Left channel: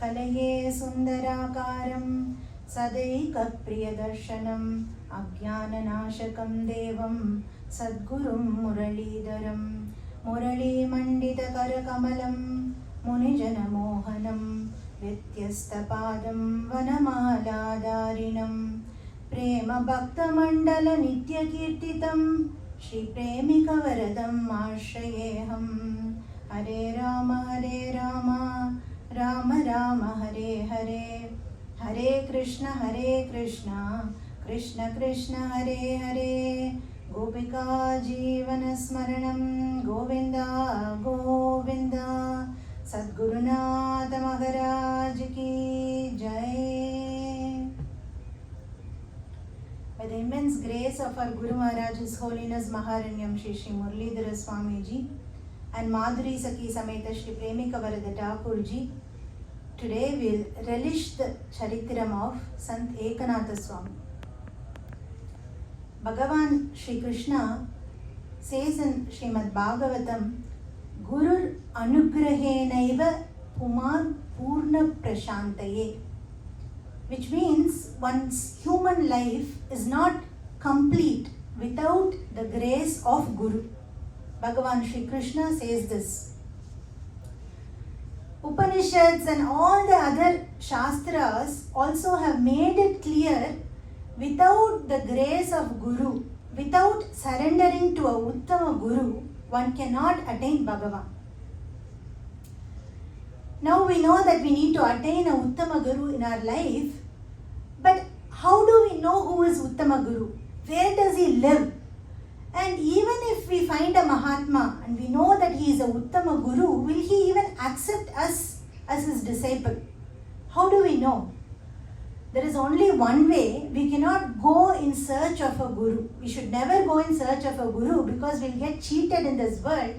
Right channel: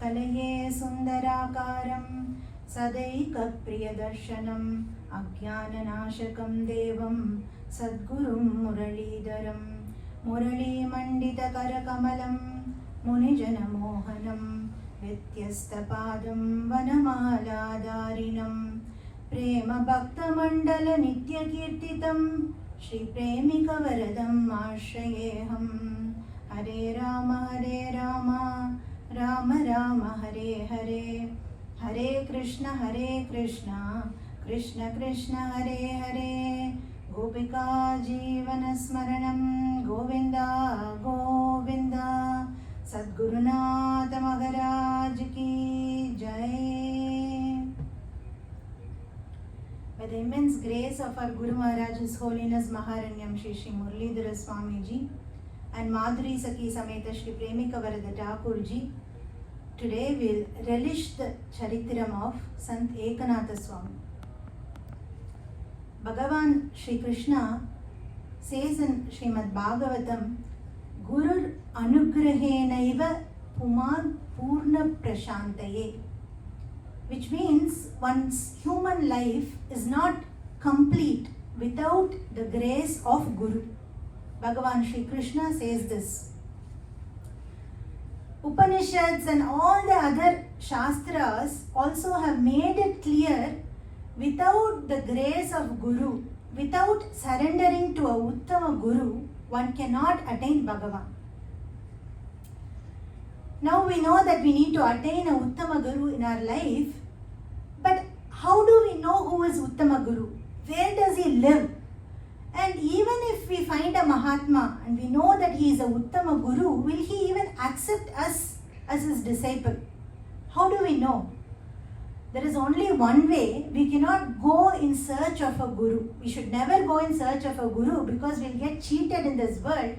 कलये सुन्दराकारं सदैकप्रियदर्शनम् अज्ञाननाशकं देवं सद्गुरुं मुरलीधरं मुरलीमण्डितकरकमलं मुनिजनमोहनं व्यत्यस्तपादं वनमालाधारिणं प्रेमभक्तमण्डलनित्यकीर्तितं श्रीप्रेमिकवरदम् आश्रयेऽहम्। हरे राम राम राम हरे हरे, हरे कृष्ण कृष्ण कृष्ण हरे हरे, गोपिका जीवनस्मरणं गोविन्द गोविन्द। सद्गुरुनाथ महाराज की जय। By the immense grace of our Guru Maharaj, His Holiness Maharanyam Shri Shri Muralidhara Swami Ji and Madhuri Sakhi Sameta Shri Premika Varada Thakur Ji, today we'll relish the Charitram of Sant Ekanatha Swami. Bhagavan Shri Krishna says in Srimad Bhagavatam, Gurur Anugrahenaiva Puman Purna Prashantaye, which means one's human life is not complete without the grace of Guru. Bhagavan Shri Krishna says this. Upanishads and all the other Shastras also have made it clear, without the grace of Guru, without surrendering to a Uttama Guru, one cannot attain Bhagavan. Now we know that we need to attain a Uttama Guru in our life, but how do we know who is Uttama Guru? Where does he live? And even if we find a Mahatma and we know that he is a Uttama Guru, will he even accept us as his disciple? How do we know? There is only one way. We cannot go in search of a Guru. We should never go in search of a Guru because we'll get cheated in this world.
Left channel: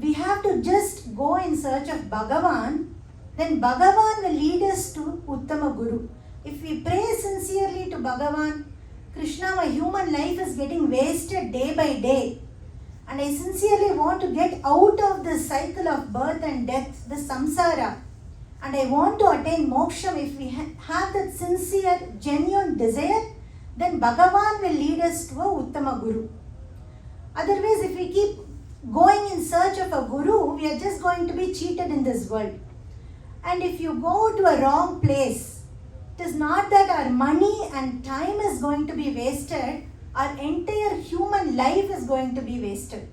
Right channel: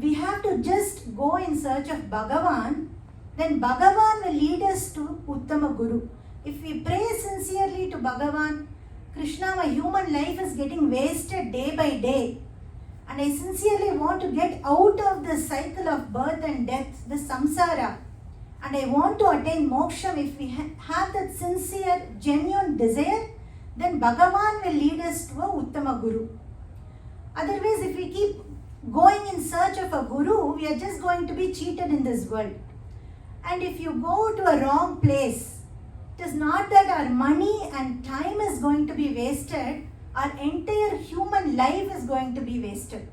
We have to just go in search of Bhagavan, then Bhagavan will lead us to Uttama Guru. If we pray sincerely to Bhagavan, Krishna, my human life is getting wasted day by day, and I sincerely want to get out of this cycle of birth and death, this samsara, and I want to attain moksha. If we have that sincere, genuine desire, then Bhagavan will lead us to a Uttama Guru. Otherwise, if we keep going in search of a Guru, we are just going to be cheated in this world. And if you go to a wrong place, it is not that our money and time is going to be wasted, our entire human life is going to be wasted.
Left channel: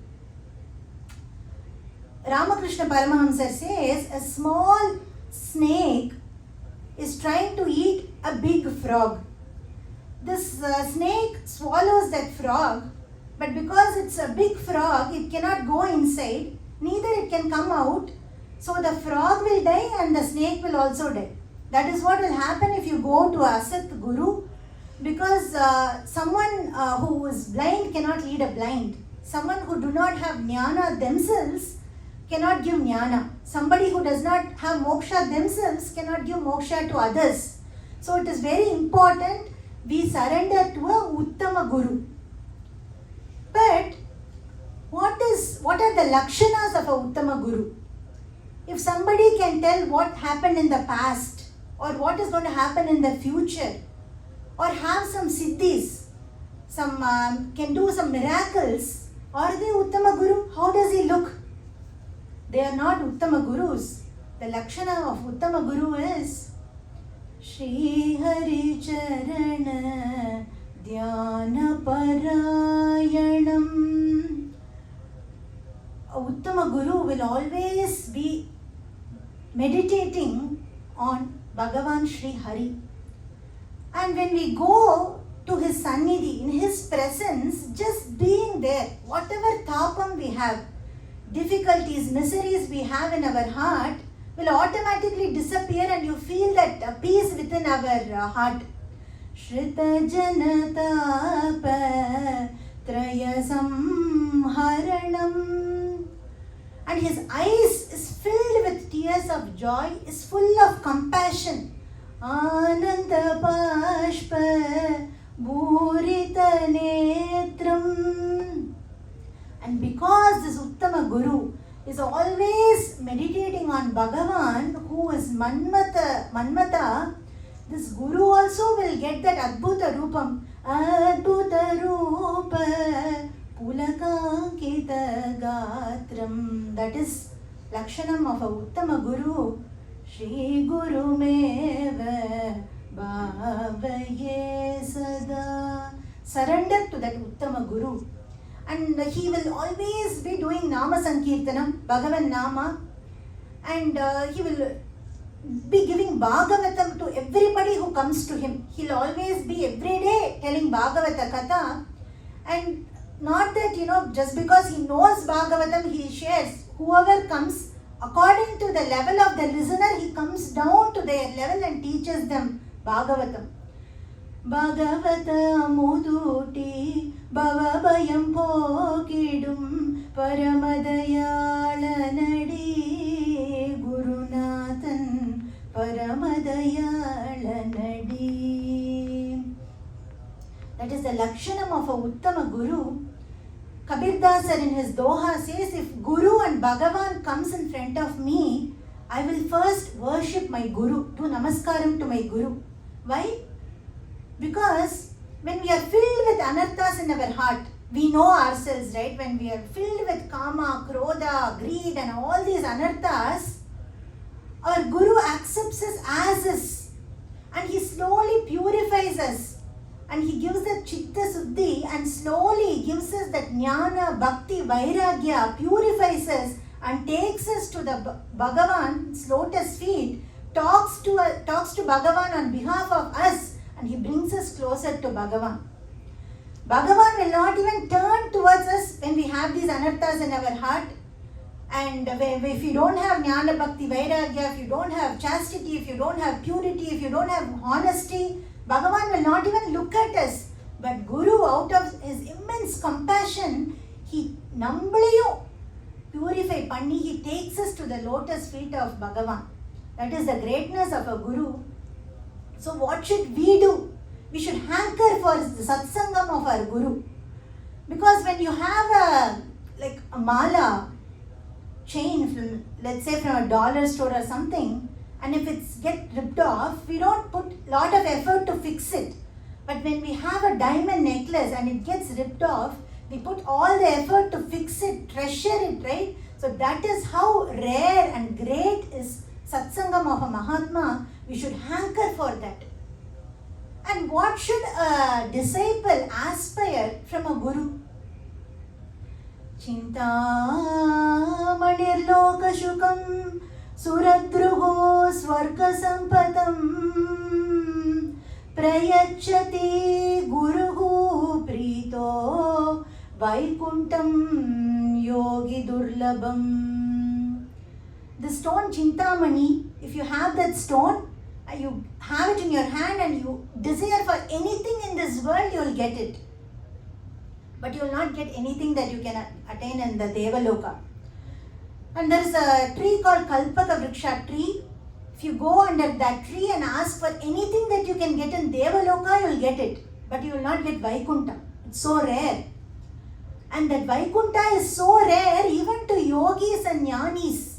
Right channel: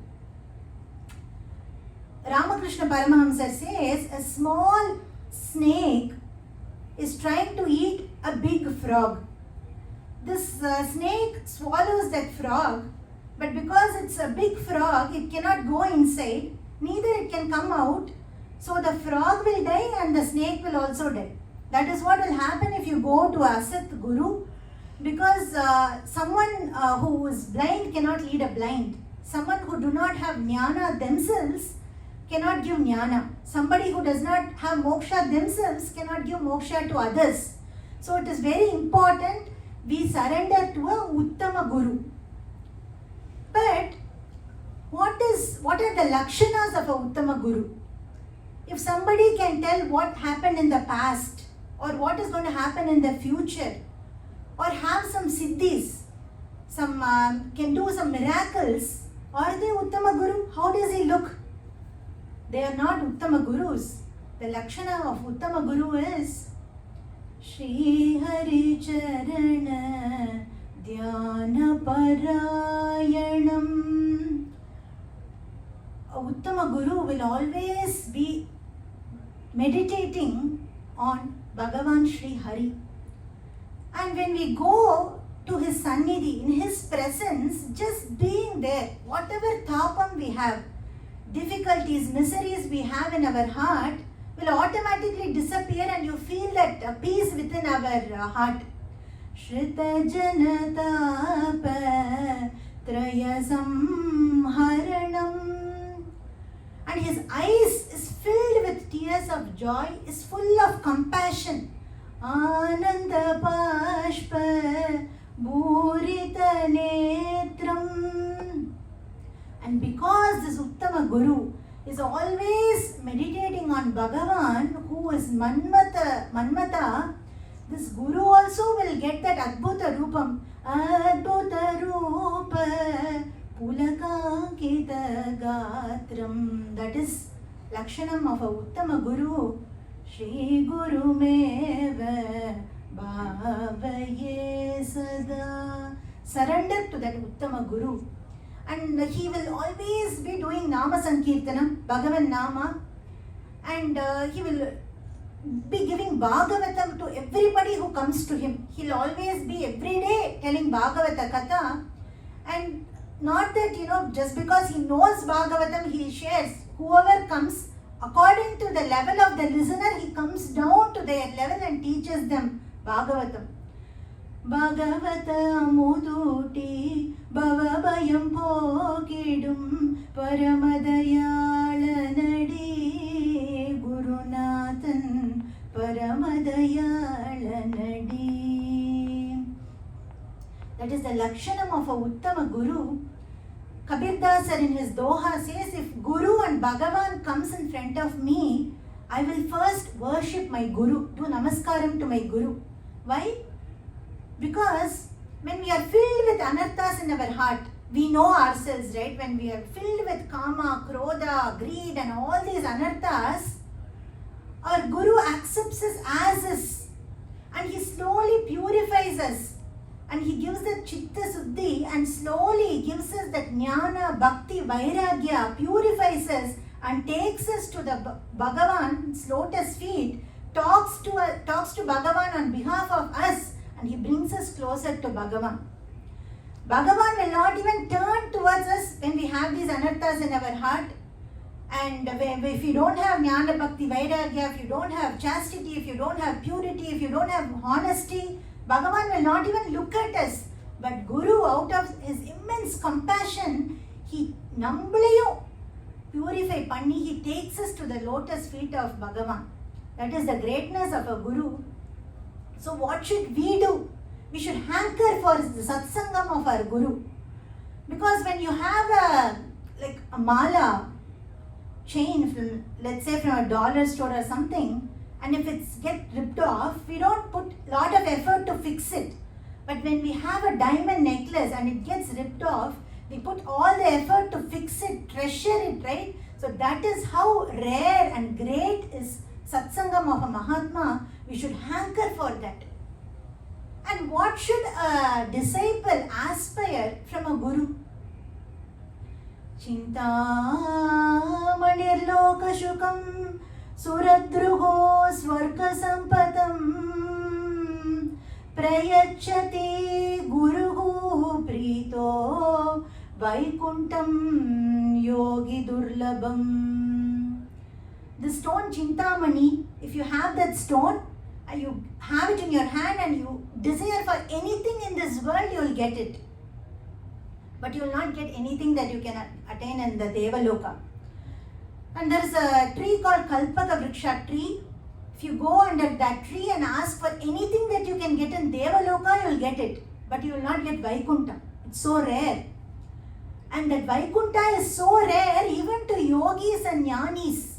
Ramakrishna Paramahamsa says a small snake is trying to eat a big frog. This snake swallows that frog, but because it's a big frog, it cannot go inside, neither it can come out, so the frog will die and the snake will also die. That is what will happen if you go to a Asat Guru, because someone who is blind cannot lead a blind. Someone who do not have jnana themselves cannot give jnana. Somebody who does not have moksha themselves cannot give moksha to others. So it is very important we surrender to a Uttama Guru. But what are the lakshanas of a Uttama Guru? If somebody can tell what happened in the past, or what is going to happen in the future, or have some siddhis, can do some miracles, are they Uttama Guru? How does he look? They are not Uttama Gurus. The lakshana of Uttama Guru is Shri Hari Charana Dhyana Parayanam. A Uttama Guru will always be meditating on Bhagavan Shri Hari. And when we go to his Sannidhi, in his presence, just being there, whatever tapam we have, difficulties, miseries we have in our heart will automatically disappear, and you feel that peace within our heart. Shrita Janatapa Traya Samharanam. And his eyes is filled with tears of joy, is full of compassion. Ananda Pashpa Bhurita Netram. And because this Uttama Guru is always meditating on Bhagavan, who is Manmata, this Guru also will get that Adbhuta Rupam. Adbhuta Rupa Pulakankita Gatram. That is Lakshanam of a Uttama Guru. Shri Guru Meva Bhavaye Sada. Surrender to that Uttama Guru. And he will always be doing Nama Sankirtanam, Bhagavan Nama, and he will be giving Bhagavatam to everybody who comes to him. He'll always be every day telling Bhagavata Katha, and not that, just because he knows Bhagavatam, he shares. Whoever comes, according to the level of the listener, he comes down to their level and teaches them Bhagavatam. Bhagavata Muduti Bhavabhayam Pokidum Paramadayalanadi Gurunathan Paramadayalanadi. That is the Lakshanam of a Uttama Guru. Kabir Das in his Doha says, if Guru and Bhagavan comes in front of me, I will first worship my Guru, do Namaskaram to my Guru. Why? Because when we are filled with anarthas in our heart, we know ourselves, right? When we are filled with kama, krodha, greed and all these anarthas, our Guru accepts us as is, and he slowly purifies us, and he gives the chitta suddhi and slowly gives us that jnana, bhakti, vairagya, purifies us and takes us to the Bhagavan's lotus feet, talks to Bhagavan on behalf of us, and he brings us closer to Bhagavan. Bhagavan will not even turn towards us when we have these anarthas in our heart. And if you don't have jnana, bhakti, vairagya, if you don't have chastity, if you don't have purity, if you don't have honesty, Bhagavan will not even look at us. But Guru, out of his immense compassion, he nambliyo purify panni, he takes us to the lotus feet of Bhagavan. That is the greatness of a Guru. So what should we do? We should hanker for the satsangam of our Guru. Because when you have a mala chain, let's say from a dollar store or something, and if it's get ripped off, we don't put lot of effort to fix it. But when we have a diamond necklace and it gets ripped off, we put all the effort to fix it, treasure it, right? So that is how rare and great is satsangam of a Mahatma. We should hanker for that. And what should a disciple aspire from a Guru? Chintamanirloka shukam Suradruhu Swarga Sampatam Prayachati Guruhu Prito Vaikuntam Yogi Durlabam. The stone Chintamani, if you have that stone, and you have it in your hand and you desire for anything in this world, you will get it. But you will not get anything that you can attain in the Devaloka. And there is a tree called Kalpaka Vriksha tree. If you go under that tree and ask for anything that you can get in Devaloka, you will get it. But you will not get Vaikunta. It's so rare. And that Vaikunta is so rare even to yogis and jnanis.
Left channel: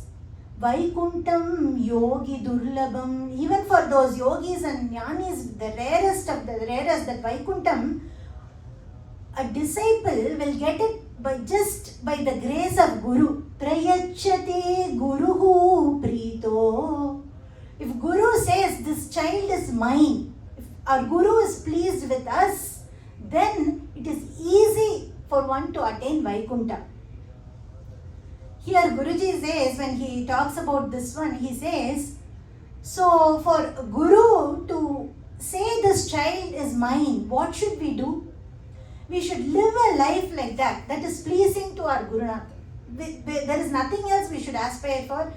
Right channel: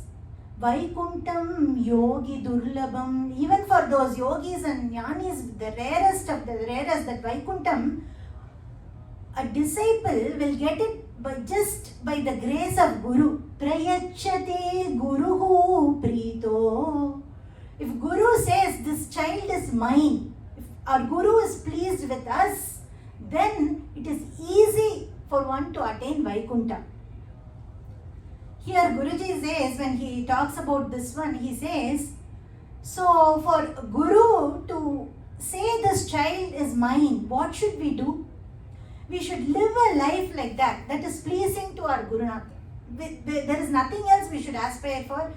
Vaikuntam Yogi Durlabam. Even for those yogis and jnanis, the rarest of the rarest, that Vaikuntam, a disciple will get it just by the grace of Guru. Prayachati Guruhu Prito. If Guru says this child is mine, if our Guru is pleased with us, then it is easy for one to attain Vaikunta. Here Guruji says, when he talks about this one, he says, so for Guru to say this child is mine, what should we do? We should live a life like that, that is pleasing to our Gurunath. There is nothing else we should aspire for.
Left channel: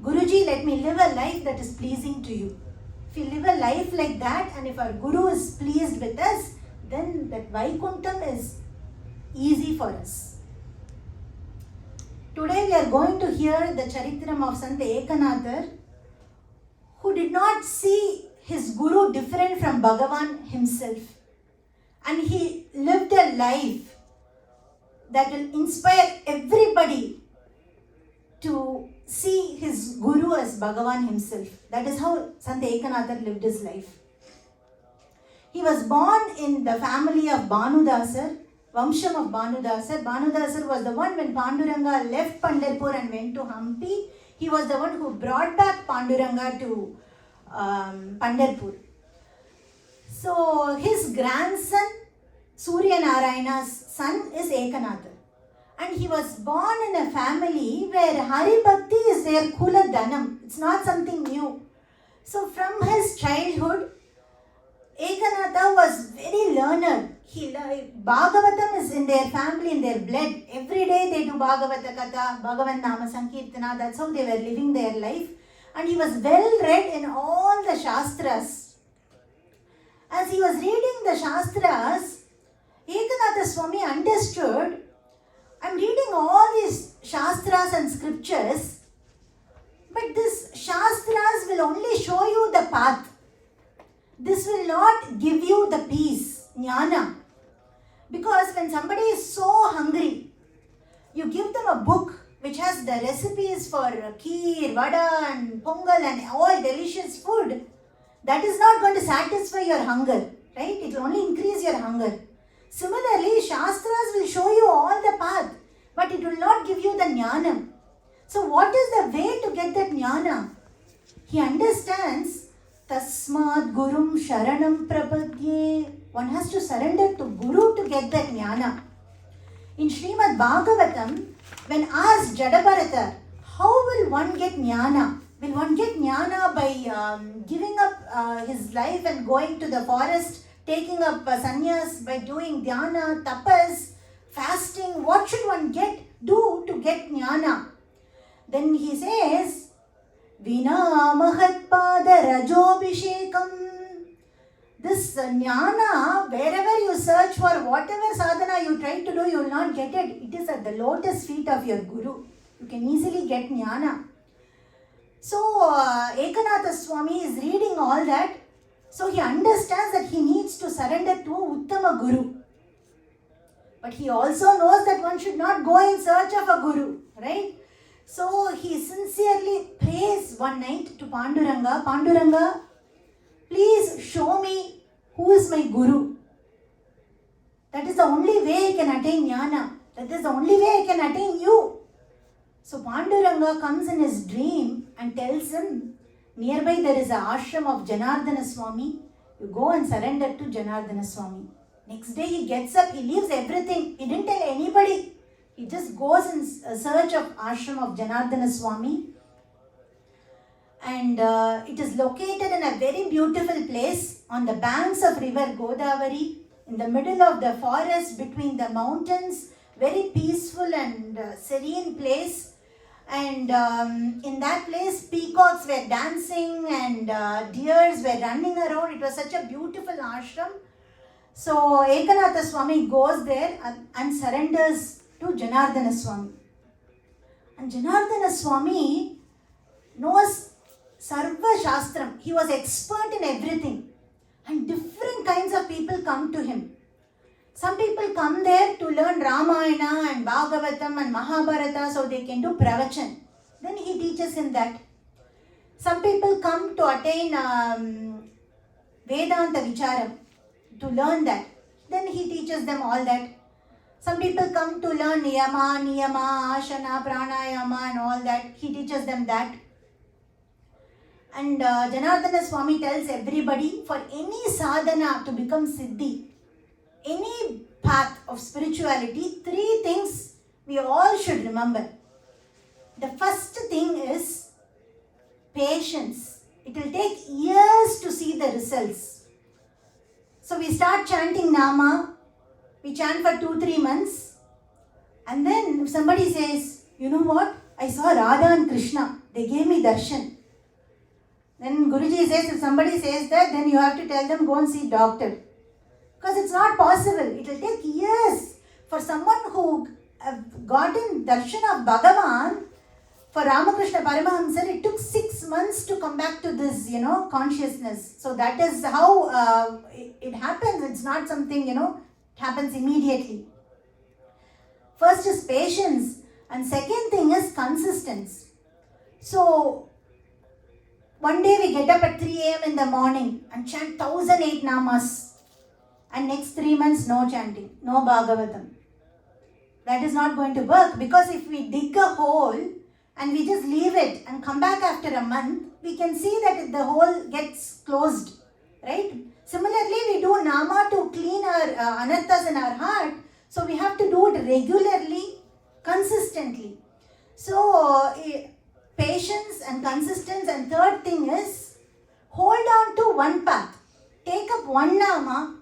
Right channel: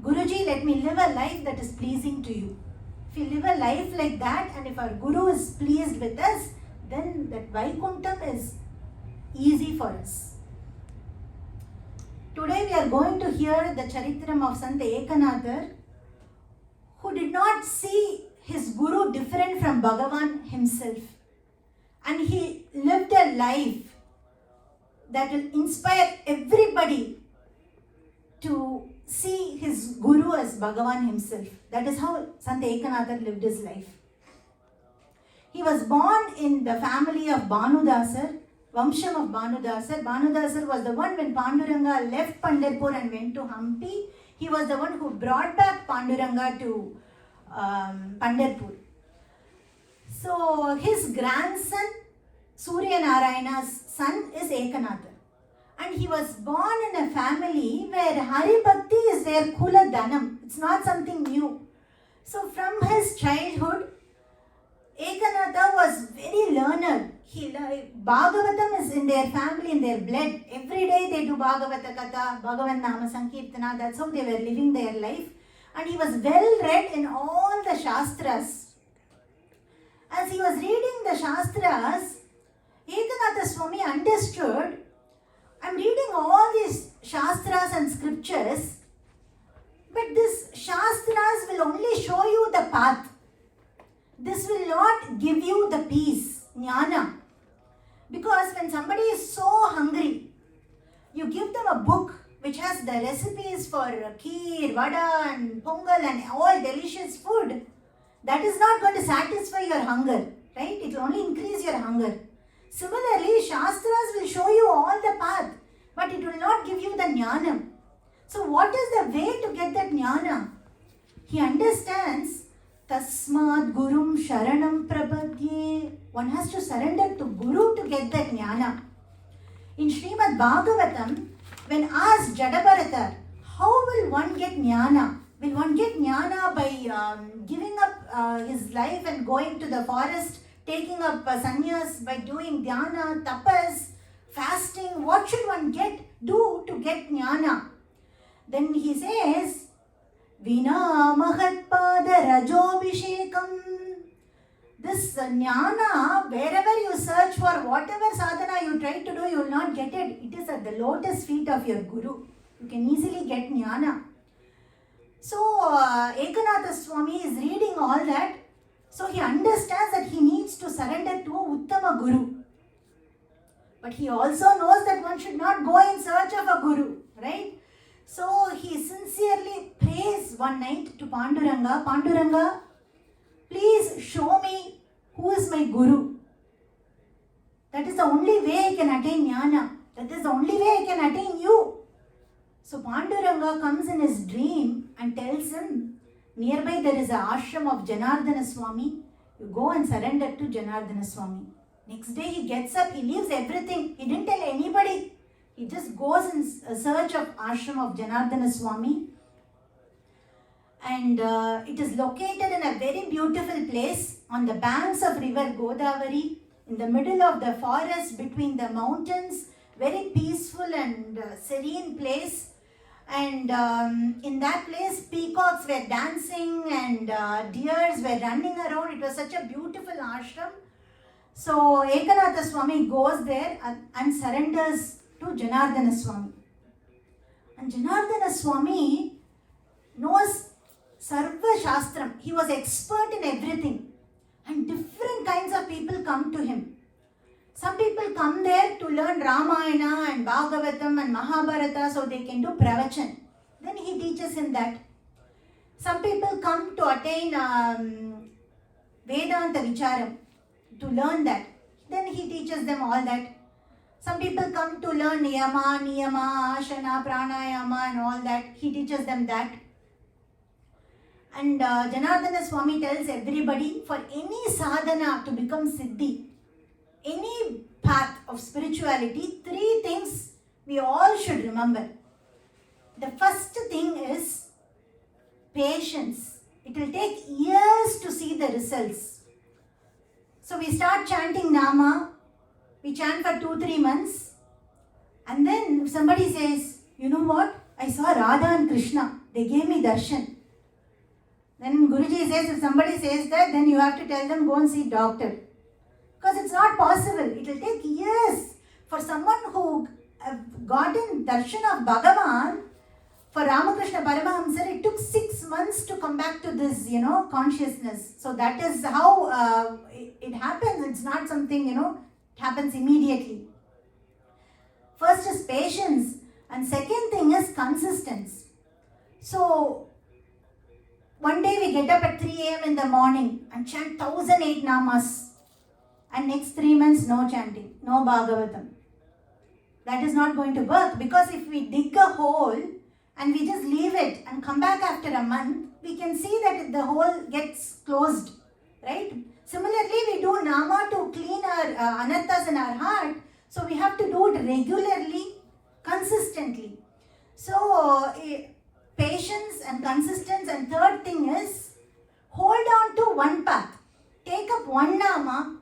Guruji, let me live a life that is pleasing to you. If we live a life like that, and if our Guru is pleased with us, then that Vaikuntam is easy for us. Today we are going to hear the Charitram of Sant Ekanathar, who did not see his Guru different from Bhagavan himself. And he lived a life that will inspire everybody to see his guru as Bhagavan himself. That is how Sant Ekanatha lived his life. He was born in the family of Bhanudasar, Vamsham of Bhanudasar. Bhanudasar was the one when Panduranga left Pandharpur and went to Hampi. He was the one who brought back Panduranga to Pandharpur. So his grandson, Surya Narayana's son, is Ekanatha. And he was born in a family where Hari Bhakti is their Kula Dhanam. It's not something new. So from his childhood, Ekanatha was very learned. Bhagavatam is in their family, in their blood. Every day they do Bhagavata Katha, Bhagavan Nama Sankirtana. That's how they were living their life. And he was well read in all the Shastras. As he was reading the Shastras, Ekanatha Swami understood, I'm reading all these Shastras and scriptures, but these Shastras will only show you the path. This will not give you the peace, jnana. Because when somebody is so hungry, you give them a book which has the recipes for kheer, vada and pongal and all delicious food. That is not going to satisfy your hunger, right? It will only increase your hunger. Similarly, Shastras will show you all the path, but it will not give you the jnana. So what is the way to get that jnana? He understands, Tasmad Gurum Sharanam Prapadye. One has to surrender to Guru to get that jnana. In Srimad Bhagavatam, when asked Jadabharata, how will one get jnana? Will one get jnana by giving up his life and going to the forest, taking up sannyas, by doing dhyana, tapas, fasting? What should one do to get jnana? Then he says, Vina Mahatpada Rajobhishekam. This jnana, wherever you search for, whatever sadhana you try to do, you will not get it. It is at the lotus feet of your guru. You can easily get jnana. So, Ekanatha Swami is reading all that. So, he understands that he needs to surrender to Uttama Guru. But he also knows that one should not go in search of a guru, right? So, he sincerely prays one night to Panduranga, Panduranga, please show me who is my guru. That is the only way I can attain jnana. That is the only way I can attain you. So Panduranga comes in his dream and tells him, nearby there is an ashram of Janardana Swami. You go and surrender to Janardana Swami. Next day he gets up, he leaves everything. He didn't tell anybody. He just goes in search of ashram of Janardana Swami. And it is located in a very beautiful place on the banks of river Godavari, in the middle of the forest between the mountains. Very peaceful and serene place. And in that place, peacocks were dancing and deers were running around. It was such a beautiful ashram. So Ekanatha Swami goes there and surrenders to Janardana Swami. And Janardana Swami knows Sarva Shastram. He was expert in everything. And different kinds of people come to him. Some people come there to learn Ramayana and Bhagavatam and Mahabharata so they can do pravachan. Then he teaches him that. Some people come to attain Vedanta Vicharam, to learn that. Then he teaches them all that. Some people come to learn Niyama, Ashana, Pranayama and all that. He teaches them that. And Janardana Swami tells everybody, for any sadhana to become Siddhi, any path of spirituality, three things we all should remember. The first thing is patience. It will take years to see the results. So we start chanting Nama, we chant for 2-3 months, and then if somebody says, you know what, I saw Radha and Krishna, they gave me darshan. Then Guruji says, if somebody says that, then you have to tell them, go and see doctor. Because it's not possible. It will take years for someone who have gotten darshan of Bhagavan. For Ramakrishna Paramahamsa, it took 6 months to come back to this, consciousness. So that is how it happens. It's not something, it happens immediately. First is patience. And second thing is consistency. So one day we get up at 3 a.m. in the morning and chant 1008 namas, and next 3 months no chanting, no Bhagavatam. That is not going to work, because if we dig a hole and we just leave it and come back after a month, we can see that the hole gets closed, right? Similarly, we do nama to clean our anarthas in our heart, so we have to do it regularly, consistently. So patience and consistency, and third thing is hold on to one path. Take up one nama,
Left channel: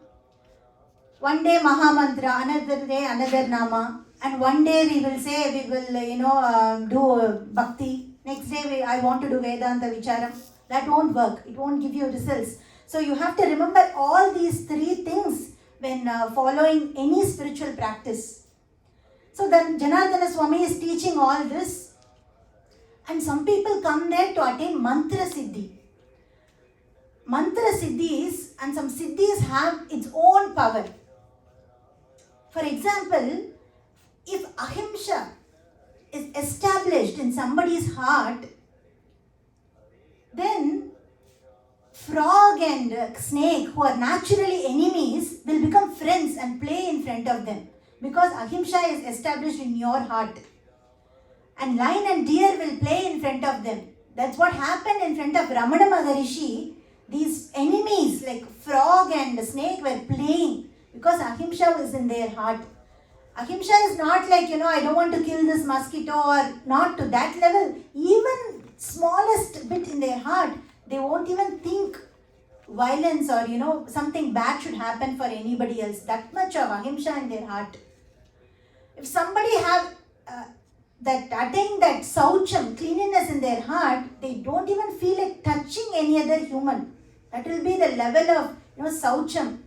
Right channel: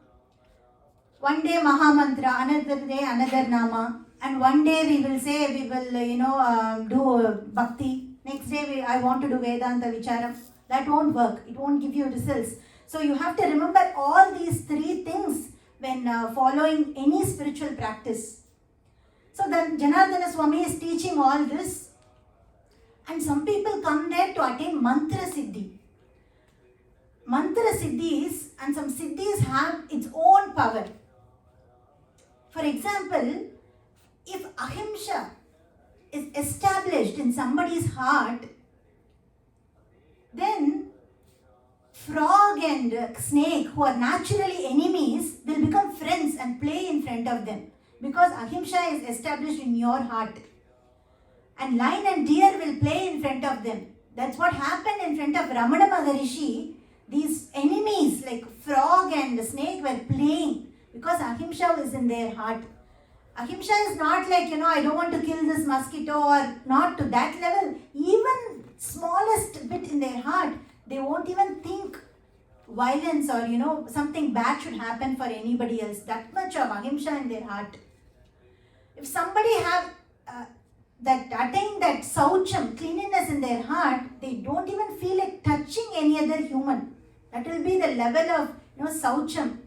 one day Mahamantra, another day another nama, and one day we will say we will do bhakti. Next day I want to do Vedanta Vicharam. That won't work. It won't give you results. So you have to remember all these three things when following any spiritual practice. So then Janardana Swami is teaching all this, and some people come there to attain mantra siddhi. Mantra siddhis and some siddhis have its own power. For example, if ahimsa is established in somebody's heart, then frog and snake, who are naturally enemies, will become friends and play in front of them, because ahimsa is established in your heart. And lion and deer will play in front of them. That's what happened in front of Ramana Maharishi. These enemies like frog and snake were playing because ahimsa was in their heart. Ahimsa is not like, I don't want to kill this mosquito, or not to that level. Even smallest bit in their heart, they won't even think violence or, something bad should happen for anybody else. That much of ahimsa in their heart. If somebody have attain that saucham, cleanliness in their heart, they don't even feel like touching any other human. That will be the level of, saucham.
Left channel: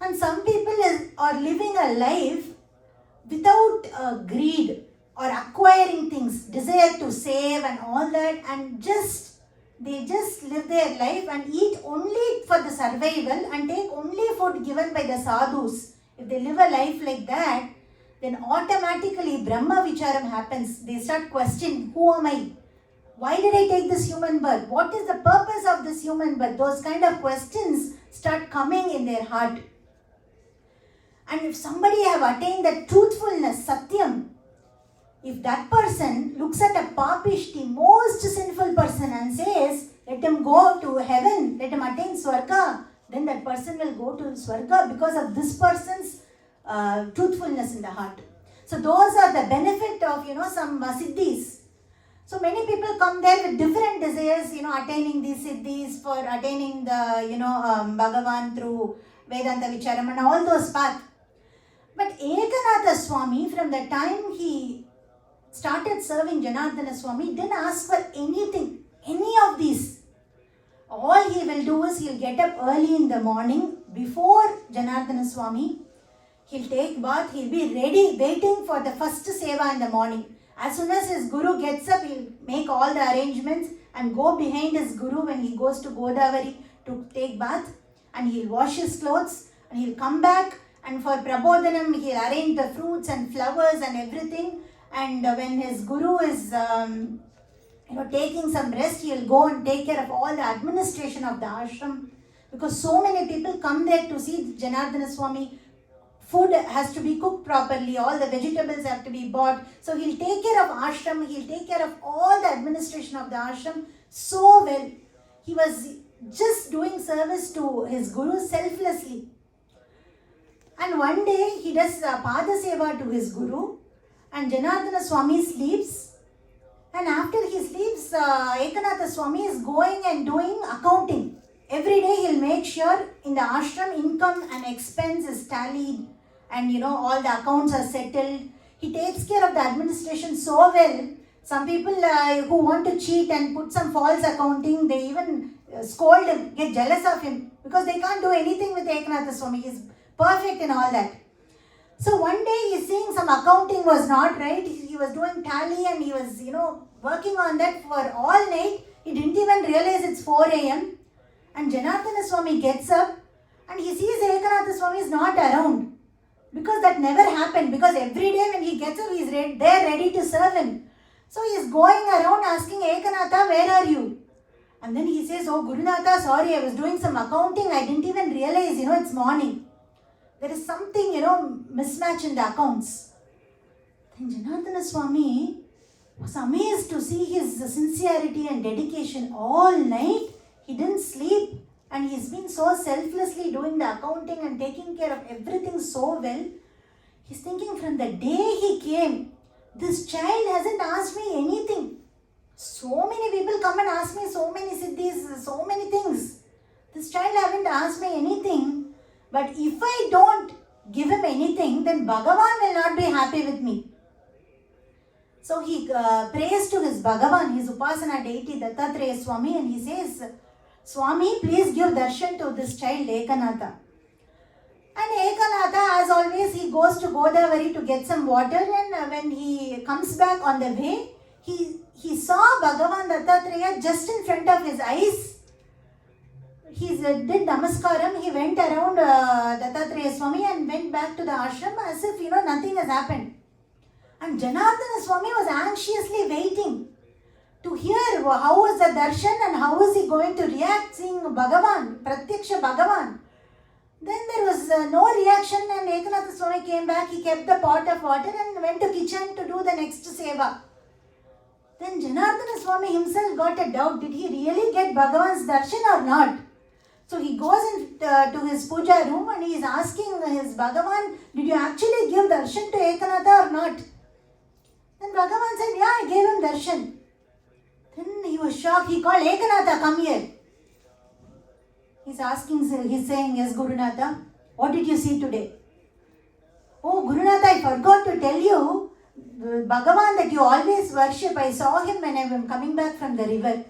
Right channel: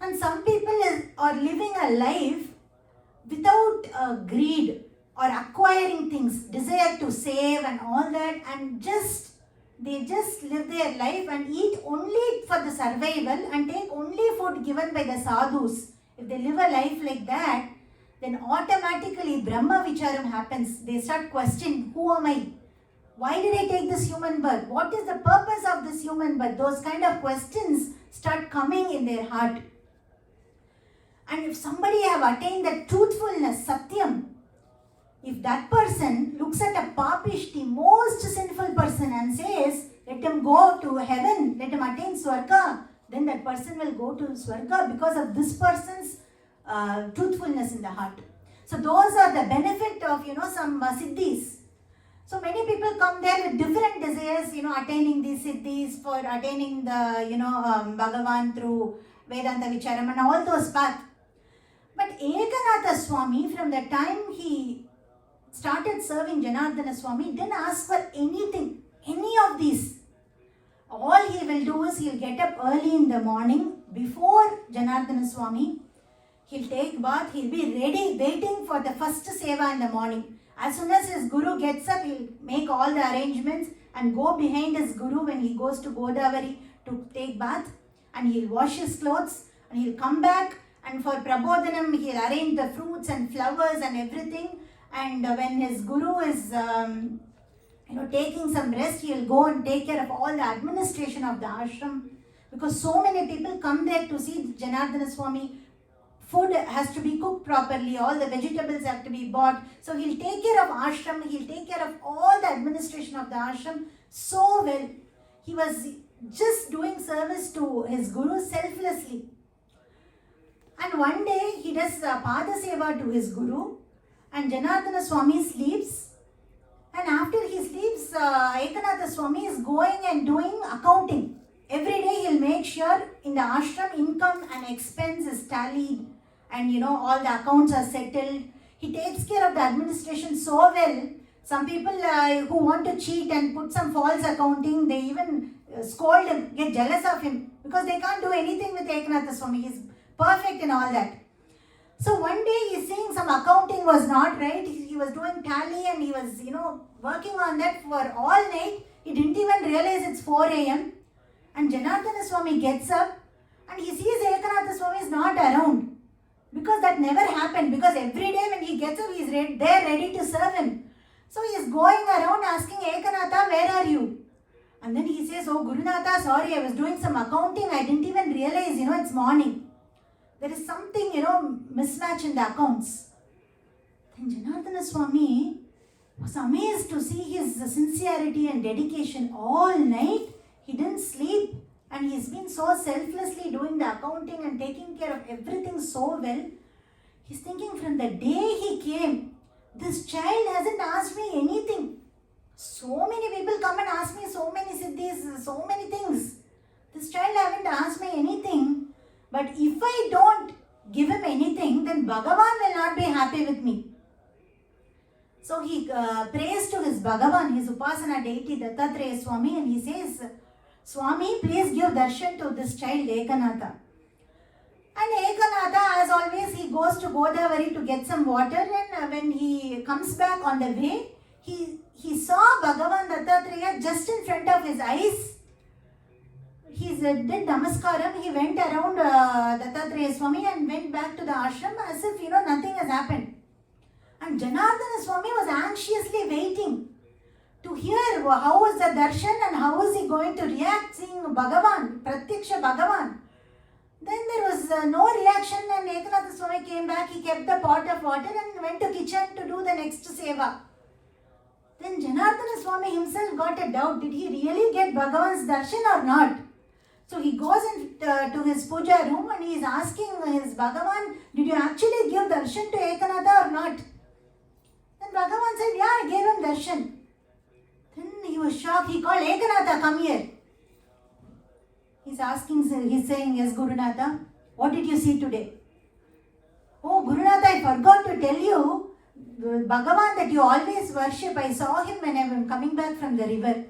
And some people are living a life without greed or acquiring things, desire to save and all that, and they just live their life and eat only for the survival and take only food given by the sadhus. If they live a life like that, then automatically Brahma Vicharam happens. They start questioning, who am I? Why did I take this human birth? What is the purpose of this human birth? Those kind of questions start coming in their heart. And if somebody have attained that truthfulness, satyam, if that person looks at a papish, the most sinful person, and says, let him go to heaven, let him attain Swarga, then that person will go to Swarga because of this person's truthfulness in the heart. So those are the benefit of, some siddhis. So many people come there with different desires, attaining these siddhis, for attaining the, Bhagavan through Vedanta Vicharam and all those paths. But Ekanath Swami, from the time he started serving Janardana Swami, didn't ask for anything, any of these. All he will do is he'll get up early in the morning before Janardana Swami. He'll take bath, he'll be ready, waiting for the first seva in the morning. As soon as his guru gets up, he'll make all the arrangements and go behind his guru when he goes to Godavari to take bath, and he'll wash his clothes and he'll come back, and for Prabodhanam he'll arrange the fruits and flowers and everything, and when his guru is taking some rest, he'll go and take care of all the administration of the ashram, because so many people come there to see Janardana Swami. Food has to be cooked properly, all the vegetables have to be bought. So he'll take care of ashram, he'll take care of all the administration of the ashram so well. He was just doing service to his guru selflessly. And one day he does Pada Seva to his guru, and Janardana Swami sleeps. And after he sleeps, Ekanath Swami is going and doing accounting. Every day he'll make sure in the ashram income and expense is tallied, and all the accounts are settled. He takes care of the administration so well. Some people who want to cheat and put some false accounting, they even scold him, get jealous of him, because they can't do anything with Ekanath Swami. He's perfect in all that. So one day he's seeing some accounting was not right. He was doing tally and he was, working on that for all night. He didn't even realize it's 4 a.m. And Janardana Swami gets up and he sees Ekanath Swami is not around. Because that never happened. Because every day when he gets up, he's there ready to serve him. So he's going around asking Ekanatha, where are you? And then he says, oh Gurunatha, sorry, I was doing some accounting. I didn't even realize, it's morning. There is something, mismatch in the accounts. Then Janardana Swami was amazed to see his sincerity and dedication. All night, he didn't sleep. And he's been so selflessly doing the accounting and taking care of everything so well. He's thinking from the day he came, this child hasn't asked me anything. So many people come and ask me so many siddhis, so many things. This child haven't asked me anything. But if I don't give him anything, then Bhagavan will not be happy with me. So he prays to his Bhagavan, his Upasana deity Dattatreya Swami, and he says, Swami, please give darshan to this child Ekanatha. And Ekanatha, as always, he goes to Godavari to get some water, and when he comes back on the way, he saw Bhagavan Dattatreya just in front of his eyes. He did namaskaram, he went around Dattatreya Swami and went back to the ashram as if, nothing has happened. And Janardana Swami was anxiously waiting to hear how was the darshan and how was he going to react seeing Bhagavan, Pratyaksha Bhagavan. Then there was no reaction, and Ekanatha Swami came back, he kept the pot of water and went to kitchen to do the next seva. Then Janardana Swami himself got a doubt, did he really get Bhagavan's darshan or not? So he goes into his puja room and he is asking his Bhagavan, did you actually give darshan to Ekanatha or not? Then Bhagavan said, yeah, I gave him darshan. Then he was shocked. He called Ekanatha, come here. He's saying, yes, Gurunatha, what did you see today? Oh, Gurunatha, I forgot to tell you, Bhagavan that you always worship, I saw him when I was coming back from the river.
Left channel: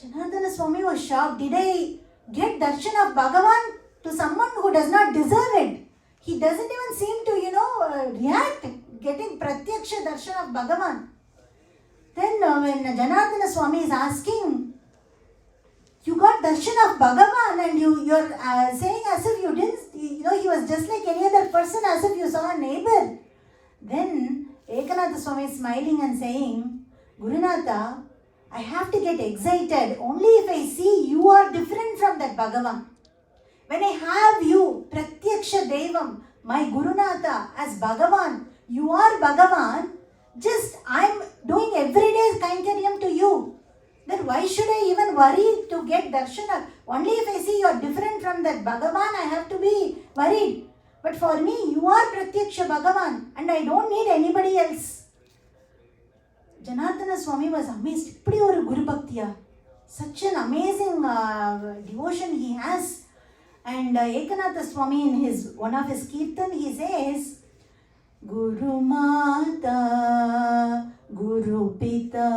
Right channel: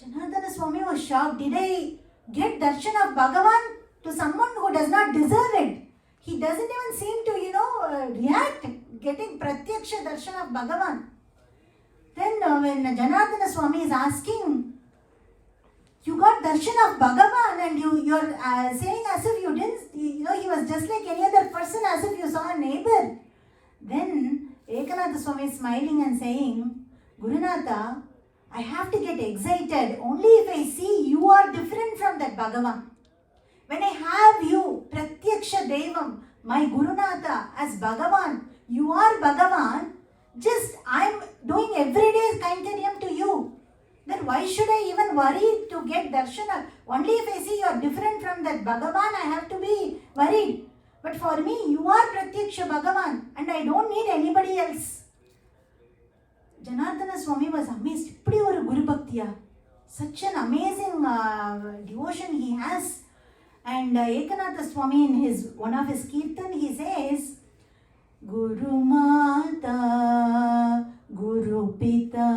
Janardana Swami was shocked. Did I get darshan of Bhagavan to someone who does not deserve it? He doesn't even seem to, react, getting pratyaksha darshan of Bhagavan. Then when Janardana Swami is asking, you got darshan of Bhagavan and you're saying as if you didn't, he was just like any other person, as if you saw a neighbor. Then Ekanatha Swami is smiling and saying, Gurunatha, I have to get excited only if I see you are different from that Bhagavan. When I have you, Pratyaksha Devam, my Gurunatha, as Bhagavan, you are Bhagavan, just I am doing everyday Kainkanyam to you. Then why should I even worry to get darshan? Only if I see you are different from that Bhagavan, I have to be worried. But for me, you are Pratyaksha Bhagavan and I don't need anybody else. Janardana Swami was amazed. Ipdi oru Guru Bhaktiya. Such an amazing devotion he has. And Ekanatha Swami in one of his kirtan, he says, Guru Mata, Guru Pita,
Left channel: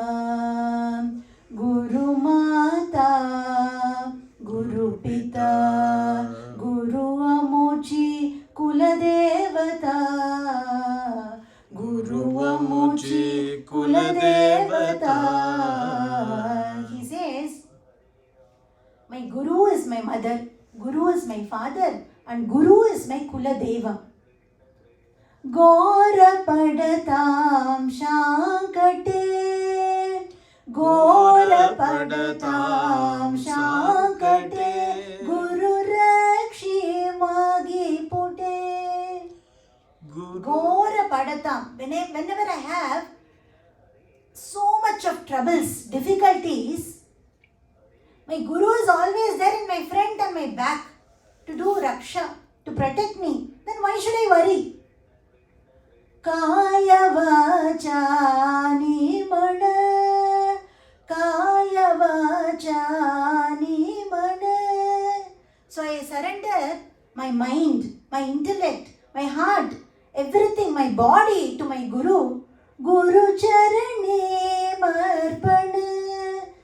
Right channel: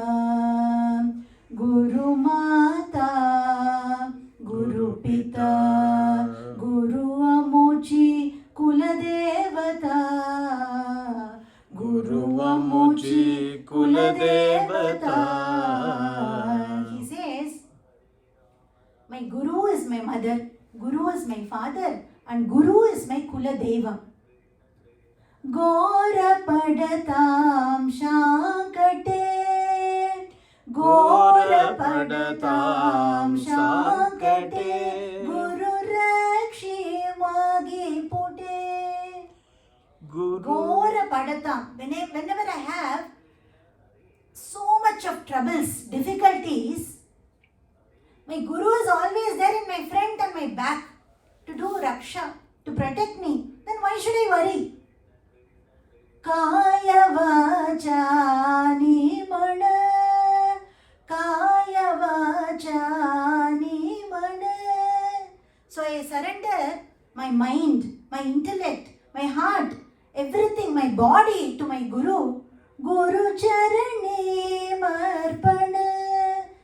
Guru Mata, Guru Pita, Guru Amuchi, Kula Devata, Guru Amuchi, Kula Devata. He says, my Guru is my mother, Guru is my father, and Guru is my Kula Deva. Gora Padatam Shankate, Gora Padatam Shankate, Guru Rakshi Magi Pute. Gora Padatam. Whenever I have so much of troubles, difficulties, my Guru is always there in my front and my back to do Raksha, to protect me. Then why should I worry? Kaya vachani mana, Kaya vachani mana. So I surrender my mind, my intellect, my heart, everything, my body to my Guru. Guru charane marpana.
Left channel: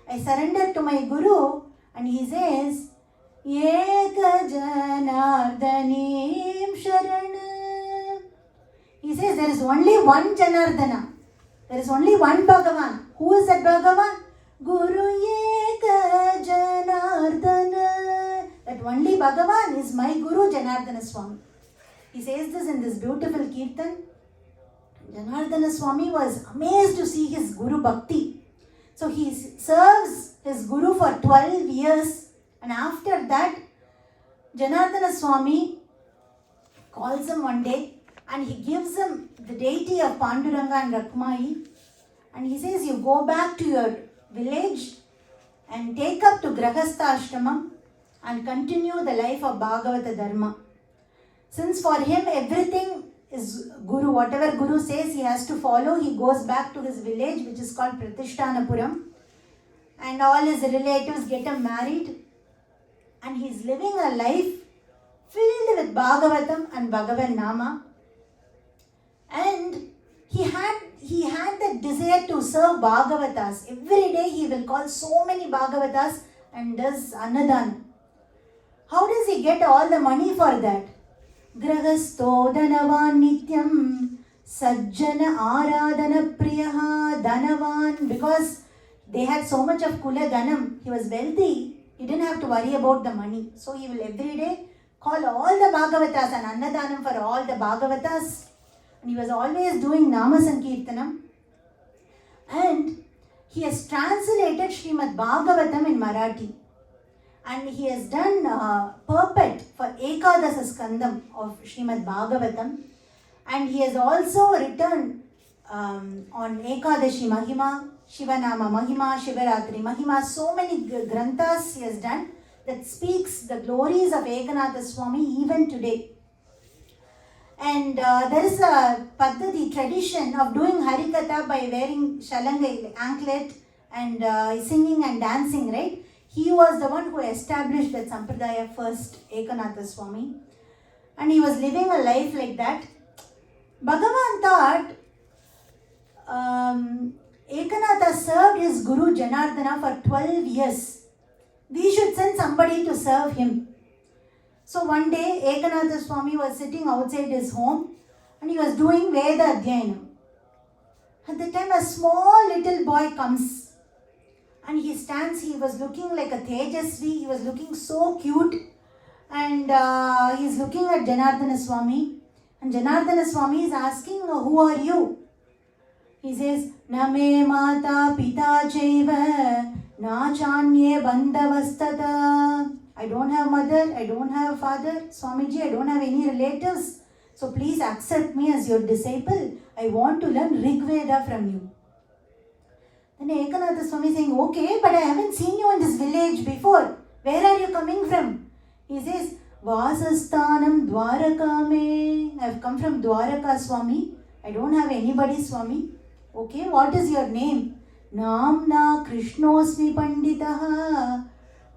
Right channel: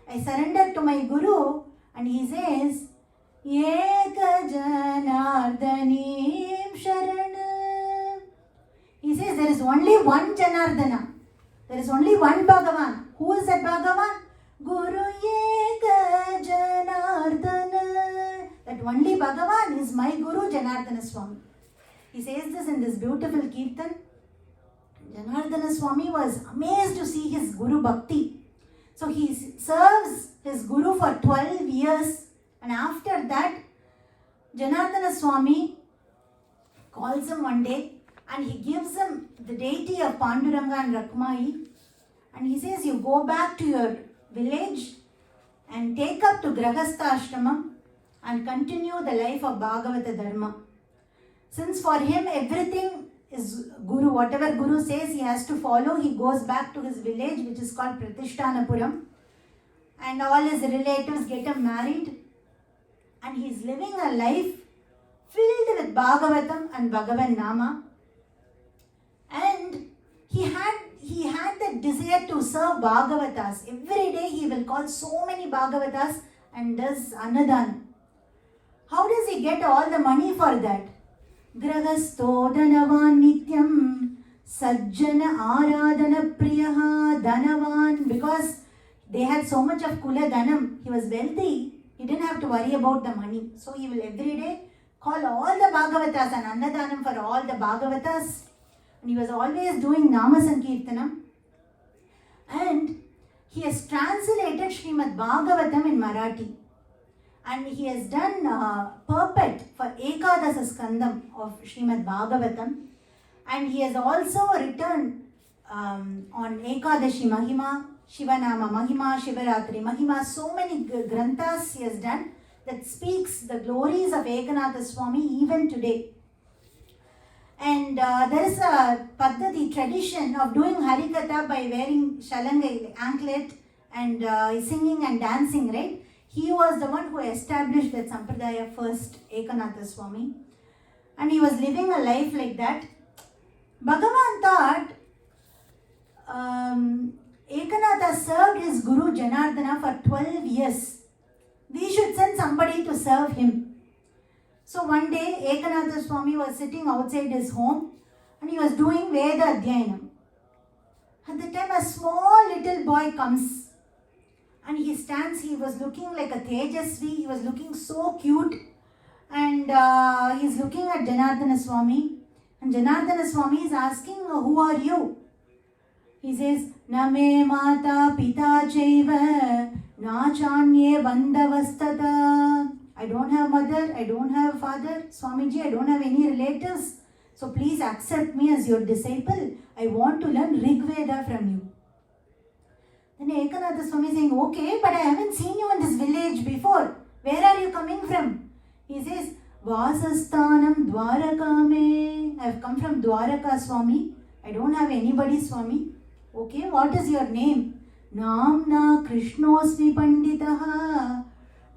I surrender to my Guru and he says, Eka janardanim sharana. He says there is only one Janardana. There is only one Bhagavan. Who is that Bhagavan? Guru Eka Janardana. That only Bhagavan is my Guru Janardana Swami. He says this in this beautiful Kirtan. Janardana Swami was amazed to see his Guru Bhakti. So he serves his Guru for 12 years, and after that, Janardana Swami calls him one day and he gives him the deity of Panduranga and Rakmai, and he says, you go back to your village and take up to Grahastha Ashramam and continue the life of Bhagavata Dharma. Since for him everything is Guru, whatever Guru says he has to follow, he goes back to his village which is called Pratishthanapuram, and all his relatives get him married, and he is living a life filled with Bhagavatam and Bhagavan Nama. And he had that desire to serve Bhagavatas. Every day he will call so many Bhagavatas and does Annadan. How does he get all the money for that? Gragasto Dhanavan Nityam Sajjana Aradhana Priyaha Dhanavan. Because they had so much of Kula Dhanam, he was wealthy, he didn't have to worry about the money. So he will every day call all the Bhagavatas and Annadanam for all the Bhagavatas. And he was always doing Nama Sankirtanam. And he has translated Srimad Bhagavatam in Marathi. And he has done purport for Ekadasa Skandam of Srimad Bhagavatam. And he has also written on Ekadashi Mahima, Shivanama Mahima, Shivaratri Mahima. So many granthas he has done that speaks the glories of Ekanath Swami even today. And there is a Paddhati tradition of doing Harikatha by wearing shalangai, anklet, and singing and dancing, right? He was the one who established that Sampradaya first, Ekanath Swami. And he was living a life like that. Bhagavan thought Ekanatha served his Guru Janardana for 12 years. We should send somebody to serve him. So one day Ekanath Swami was sitting outside his home and he was doing Veda Adhyayanam. At the time a small little boy comes and he stands, he was looking like a Tejasvi, he was looking so cute, and he's looking at Janardana Swami, and Janardana Swami is asking, who are you? He says, Na me mata pita chaiva na chanye bandhavastata. I don't have mother, I don't have father, Swamiji, I don't have any relatives. So please accept me as your disciple. I want to learn Rig Veda from you. Then Ekanath Swami is saying, okay, but I haven't seen you in this village before. Where are you coming from? He says, Vasasthanam Dwarakame. I have come from Dwaraka, Swami. I don't have anybody, Swami. Okay, what is your name? Namna Krishnosmi Panditaha.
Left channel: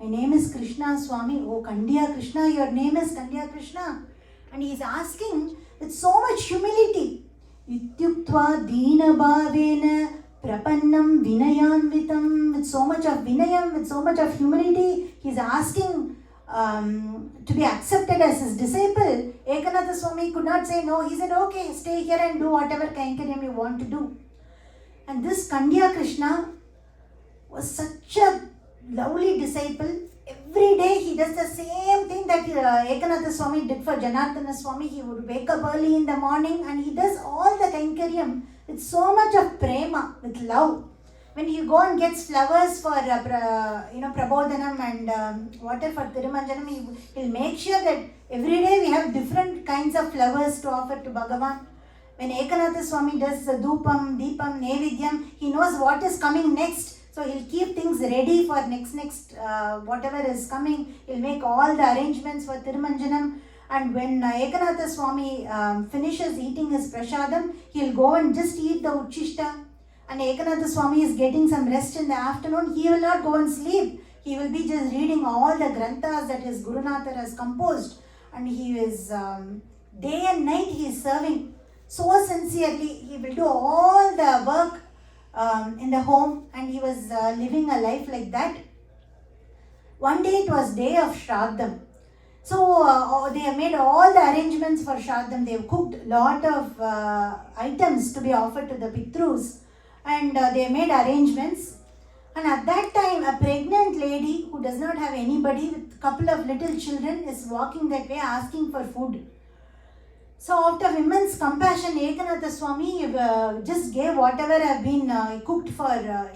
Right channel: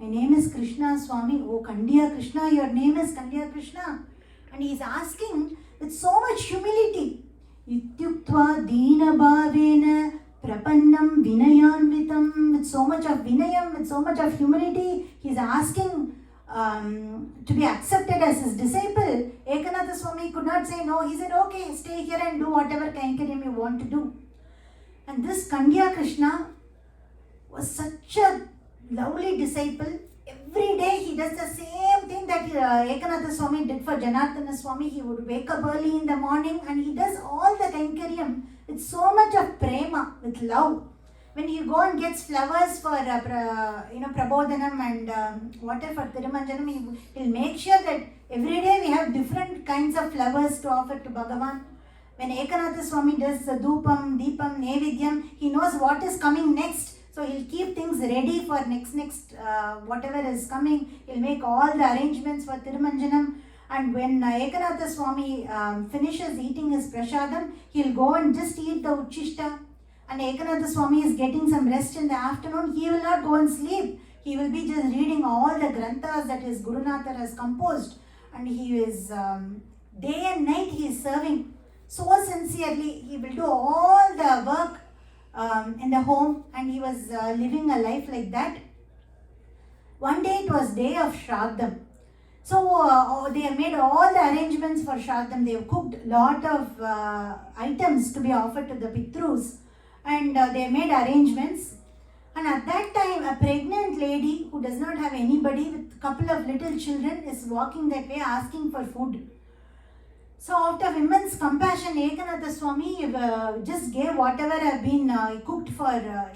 My name is Krishna, Swami. Oh, Kandiya Krishna, your name is Kandiya Krishna. And he is asking with so much humility. Ityuktva Dina Bhavena Prapannam Vinayanvitam. With so much of Vinayam, with so much of humility, he is asking to be accepted as his disciple. Ekanath Swami could not say no. He said, okay, stay here and do whatever Kainkariam you want to do. And this Kandiya Krishna was such a lovely disciple. Every day he does the same thing that Ekanath Swami did for Janardana Swami. He would wake up early in the morning and he does all the Kainkariam with so much of prema, with love. When he go and gets flowers for Prabodhanam and water for Thirumanjanam, he'll make sure that every day we have different kinds of flowers to offer to Bhagavan. When Ekanath Swami does Dupam, Deepam, Nevidyam, he knows what is coming next. So he'll keep things ready for next whatever is coming. He'll make all the arrangements for Thirumanjanam. And when Ekanath Swami finishes eating his prasadam, he'll go and just eat the Uchishta. And Ekanath Swami is getting some rest in the afternoon. He will not go and sleep. He will be just reading all the granthas that his Gurunatha has composed. And he is, day and night he is serving so sincerely. He will do all the work in the home, and he was living a life like that. One day it was day of Shraddham. So they have made all the arrangements for Shraddham. They have cooked a lot of items to be offered to the Pitrus, and they have made arrangements. And at that time, a pregnant lady who does not have anybody with a couple of little children is walking that way asking for food. So out of immense compassion, Ekanath Swami just gave whatever have been cooked for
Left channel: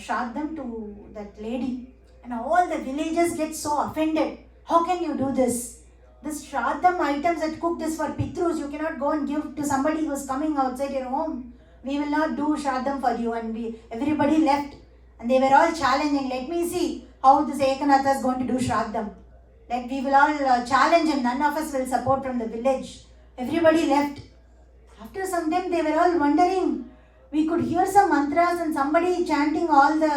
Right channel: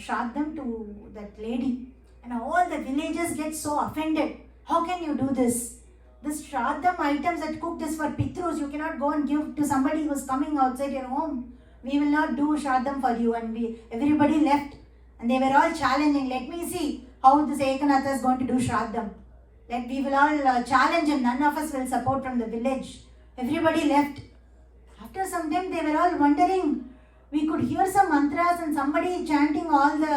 Shraddham to that lady. And all the villagers get so offended. How can you do this? This Shraddham items that cooked is for Pitrus. You cannot go and give to somebody who is coming outside your home. We will not do Shraddham for you. And everybody left. And they were all challenging. Let me see how this Ekanatha is going to do Shraddham. We will all challenge him. None of us will support from the village. Everybody left. After some time, they were all wondering. We could hear some mantras and somebody chanting all the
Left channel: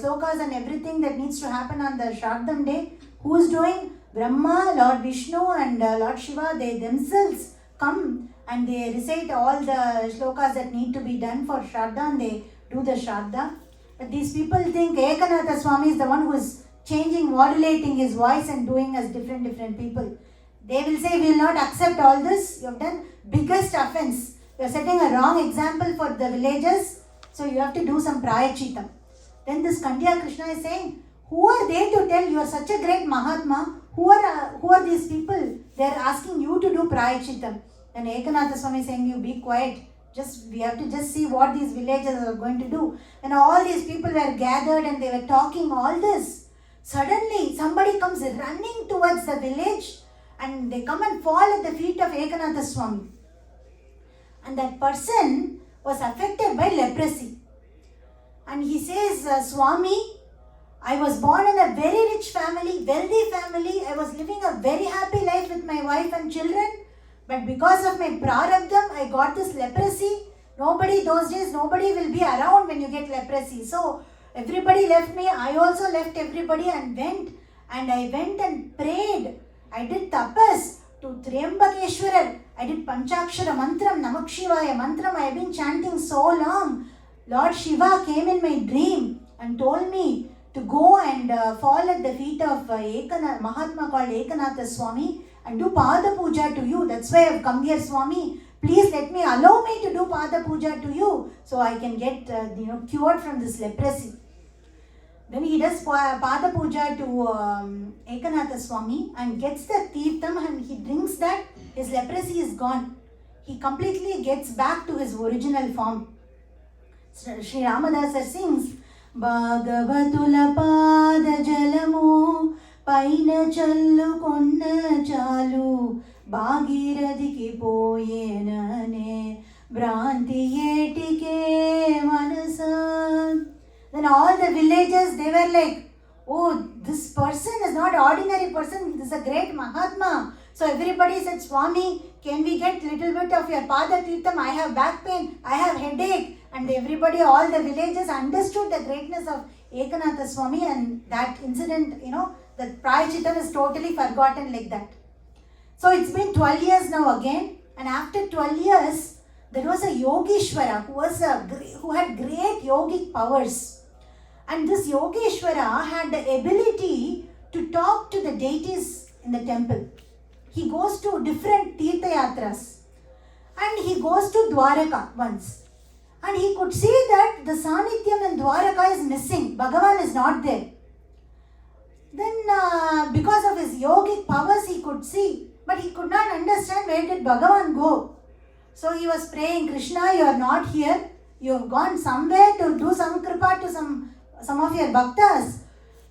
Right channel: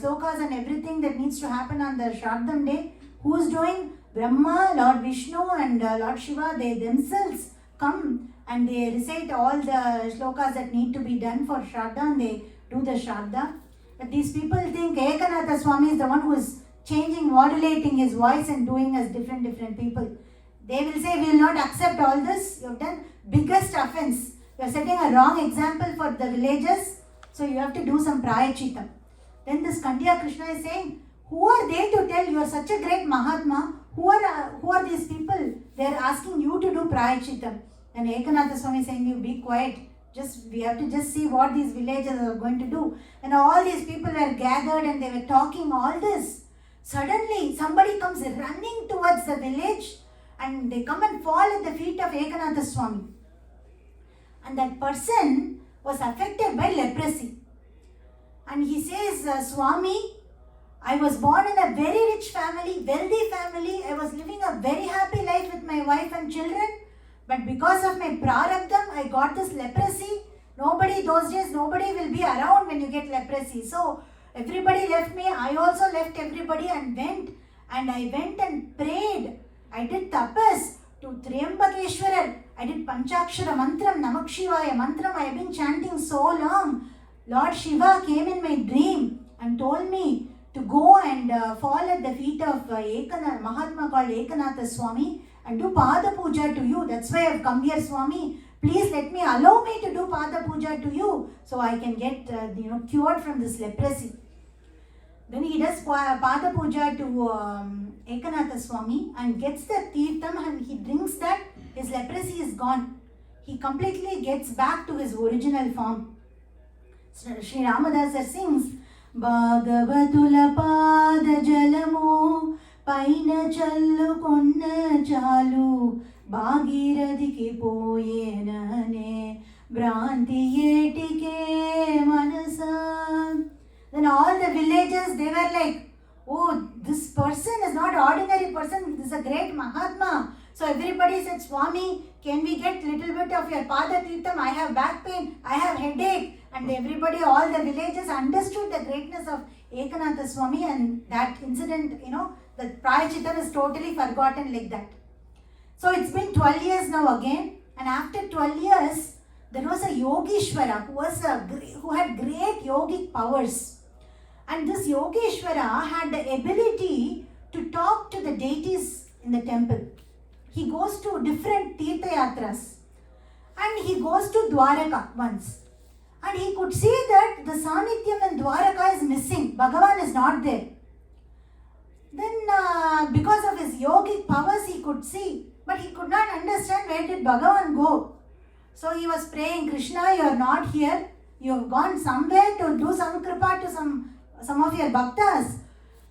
slokas and everything that needs to happen on the Shraddham day. Who is doing? Brahma, Lord Vishnu and Lord Shiva, they themselves come and they recite all the slokas that need to be done for Shraddha and they do the Shraddha. But these people think Ekanatha Swami is the one who is changing, modulating his voice and doing as different people. They will say, we will not accept all this. You have done biggest offense. You are setting a wrong example for the villagers. So you have to do some prayachita. Then this Kandya Krishna is saying, who are they to tell you are such a great Mahatma? Who are these people? They are asking you to do prayachita. Then Ekanatha Swami is saying, you be quiet. We have to just see what these villagers are going to do. And all these people were gathered and they were talking all this. Suddenly somebody comes running towards the village and they come and fall at the feet of Ekanatha Swami. And that person was affected by leprosy. And he says, Swami, I was born in a very rich family, wealthy family. I was living a very happy life with my wife and children. But because of my prarabdham, I got this leprosy. Those days, nobody will be around when you get leprosy. So everybody left me. I also left everybody and went. And I went and prayed. I did tapas to Triambakeshwarar. I did Panchakshara Mantram, Namak Shivaya Mantram. I have been chanting so long. Lord Shiva came in my dream and told me to go and fall at the feet of Mahatma called Ekanatha Swami and do Pada Puja to you. That's why I have come here, Swami. Please allow me to do Pada Puja to you so I can get cured from this leprosy. Then he does Pada Puja to Ekanatha Swami and gets the Tirtham and he drinks that. His leprosy is gone. He completely gets back to his original form. Sri Ramadasa sings, Bhagavatula Pada Jalamu Paina Challu Konna Chalu Bhagiradiki Poyenane Branti Yetike Manasa. Then all the villagers, they were like, oh, this person is not an ordinary person, this is a great Mahatma. So everybody said, Swami, can we get little bit of your Pada Tirtham? I have back pain, I have headache. And everybody, all the villagers understood the greatness of Ekanatha Swami and that incident, that Prayachitam is totally forgotten like that. So it's been 12 years now again. And after 12 years, there was a Yogeshwara who had great yogic powers. And this Yogeshwara had the ability to talk to the deities in the temple. He goes to different Tirtha Yatras. And he goes to Dwaraka once. And he could see that the Sanityam in Dwaraka is missing. Bhagavan is not there. Then because of his yogic powers he could see. But he could not understand where did Bhagavan go. So he was praying, Krishna, you are not here. You have gone somewhere to do some kripa to some of your bhaktas.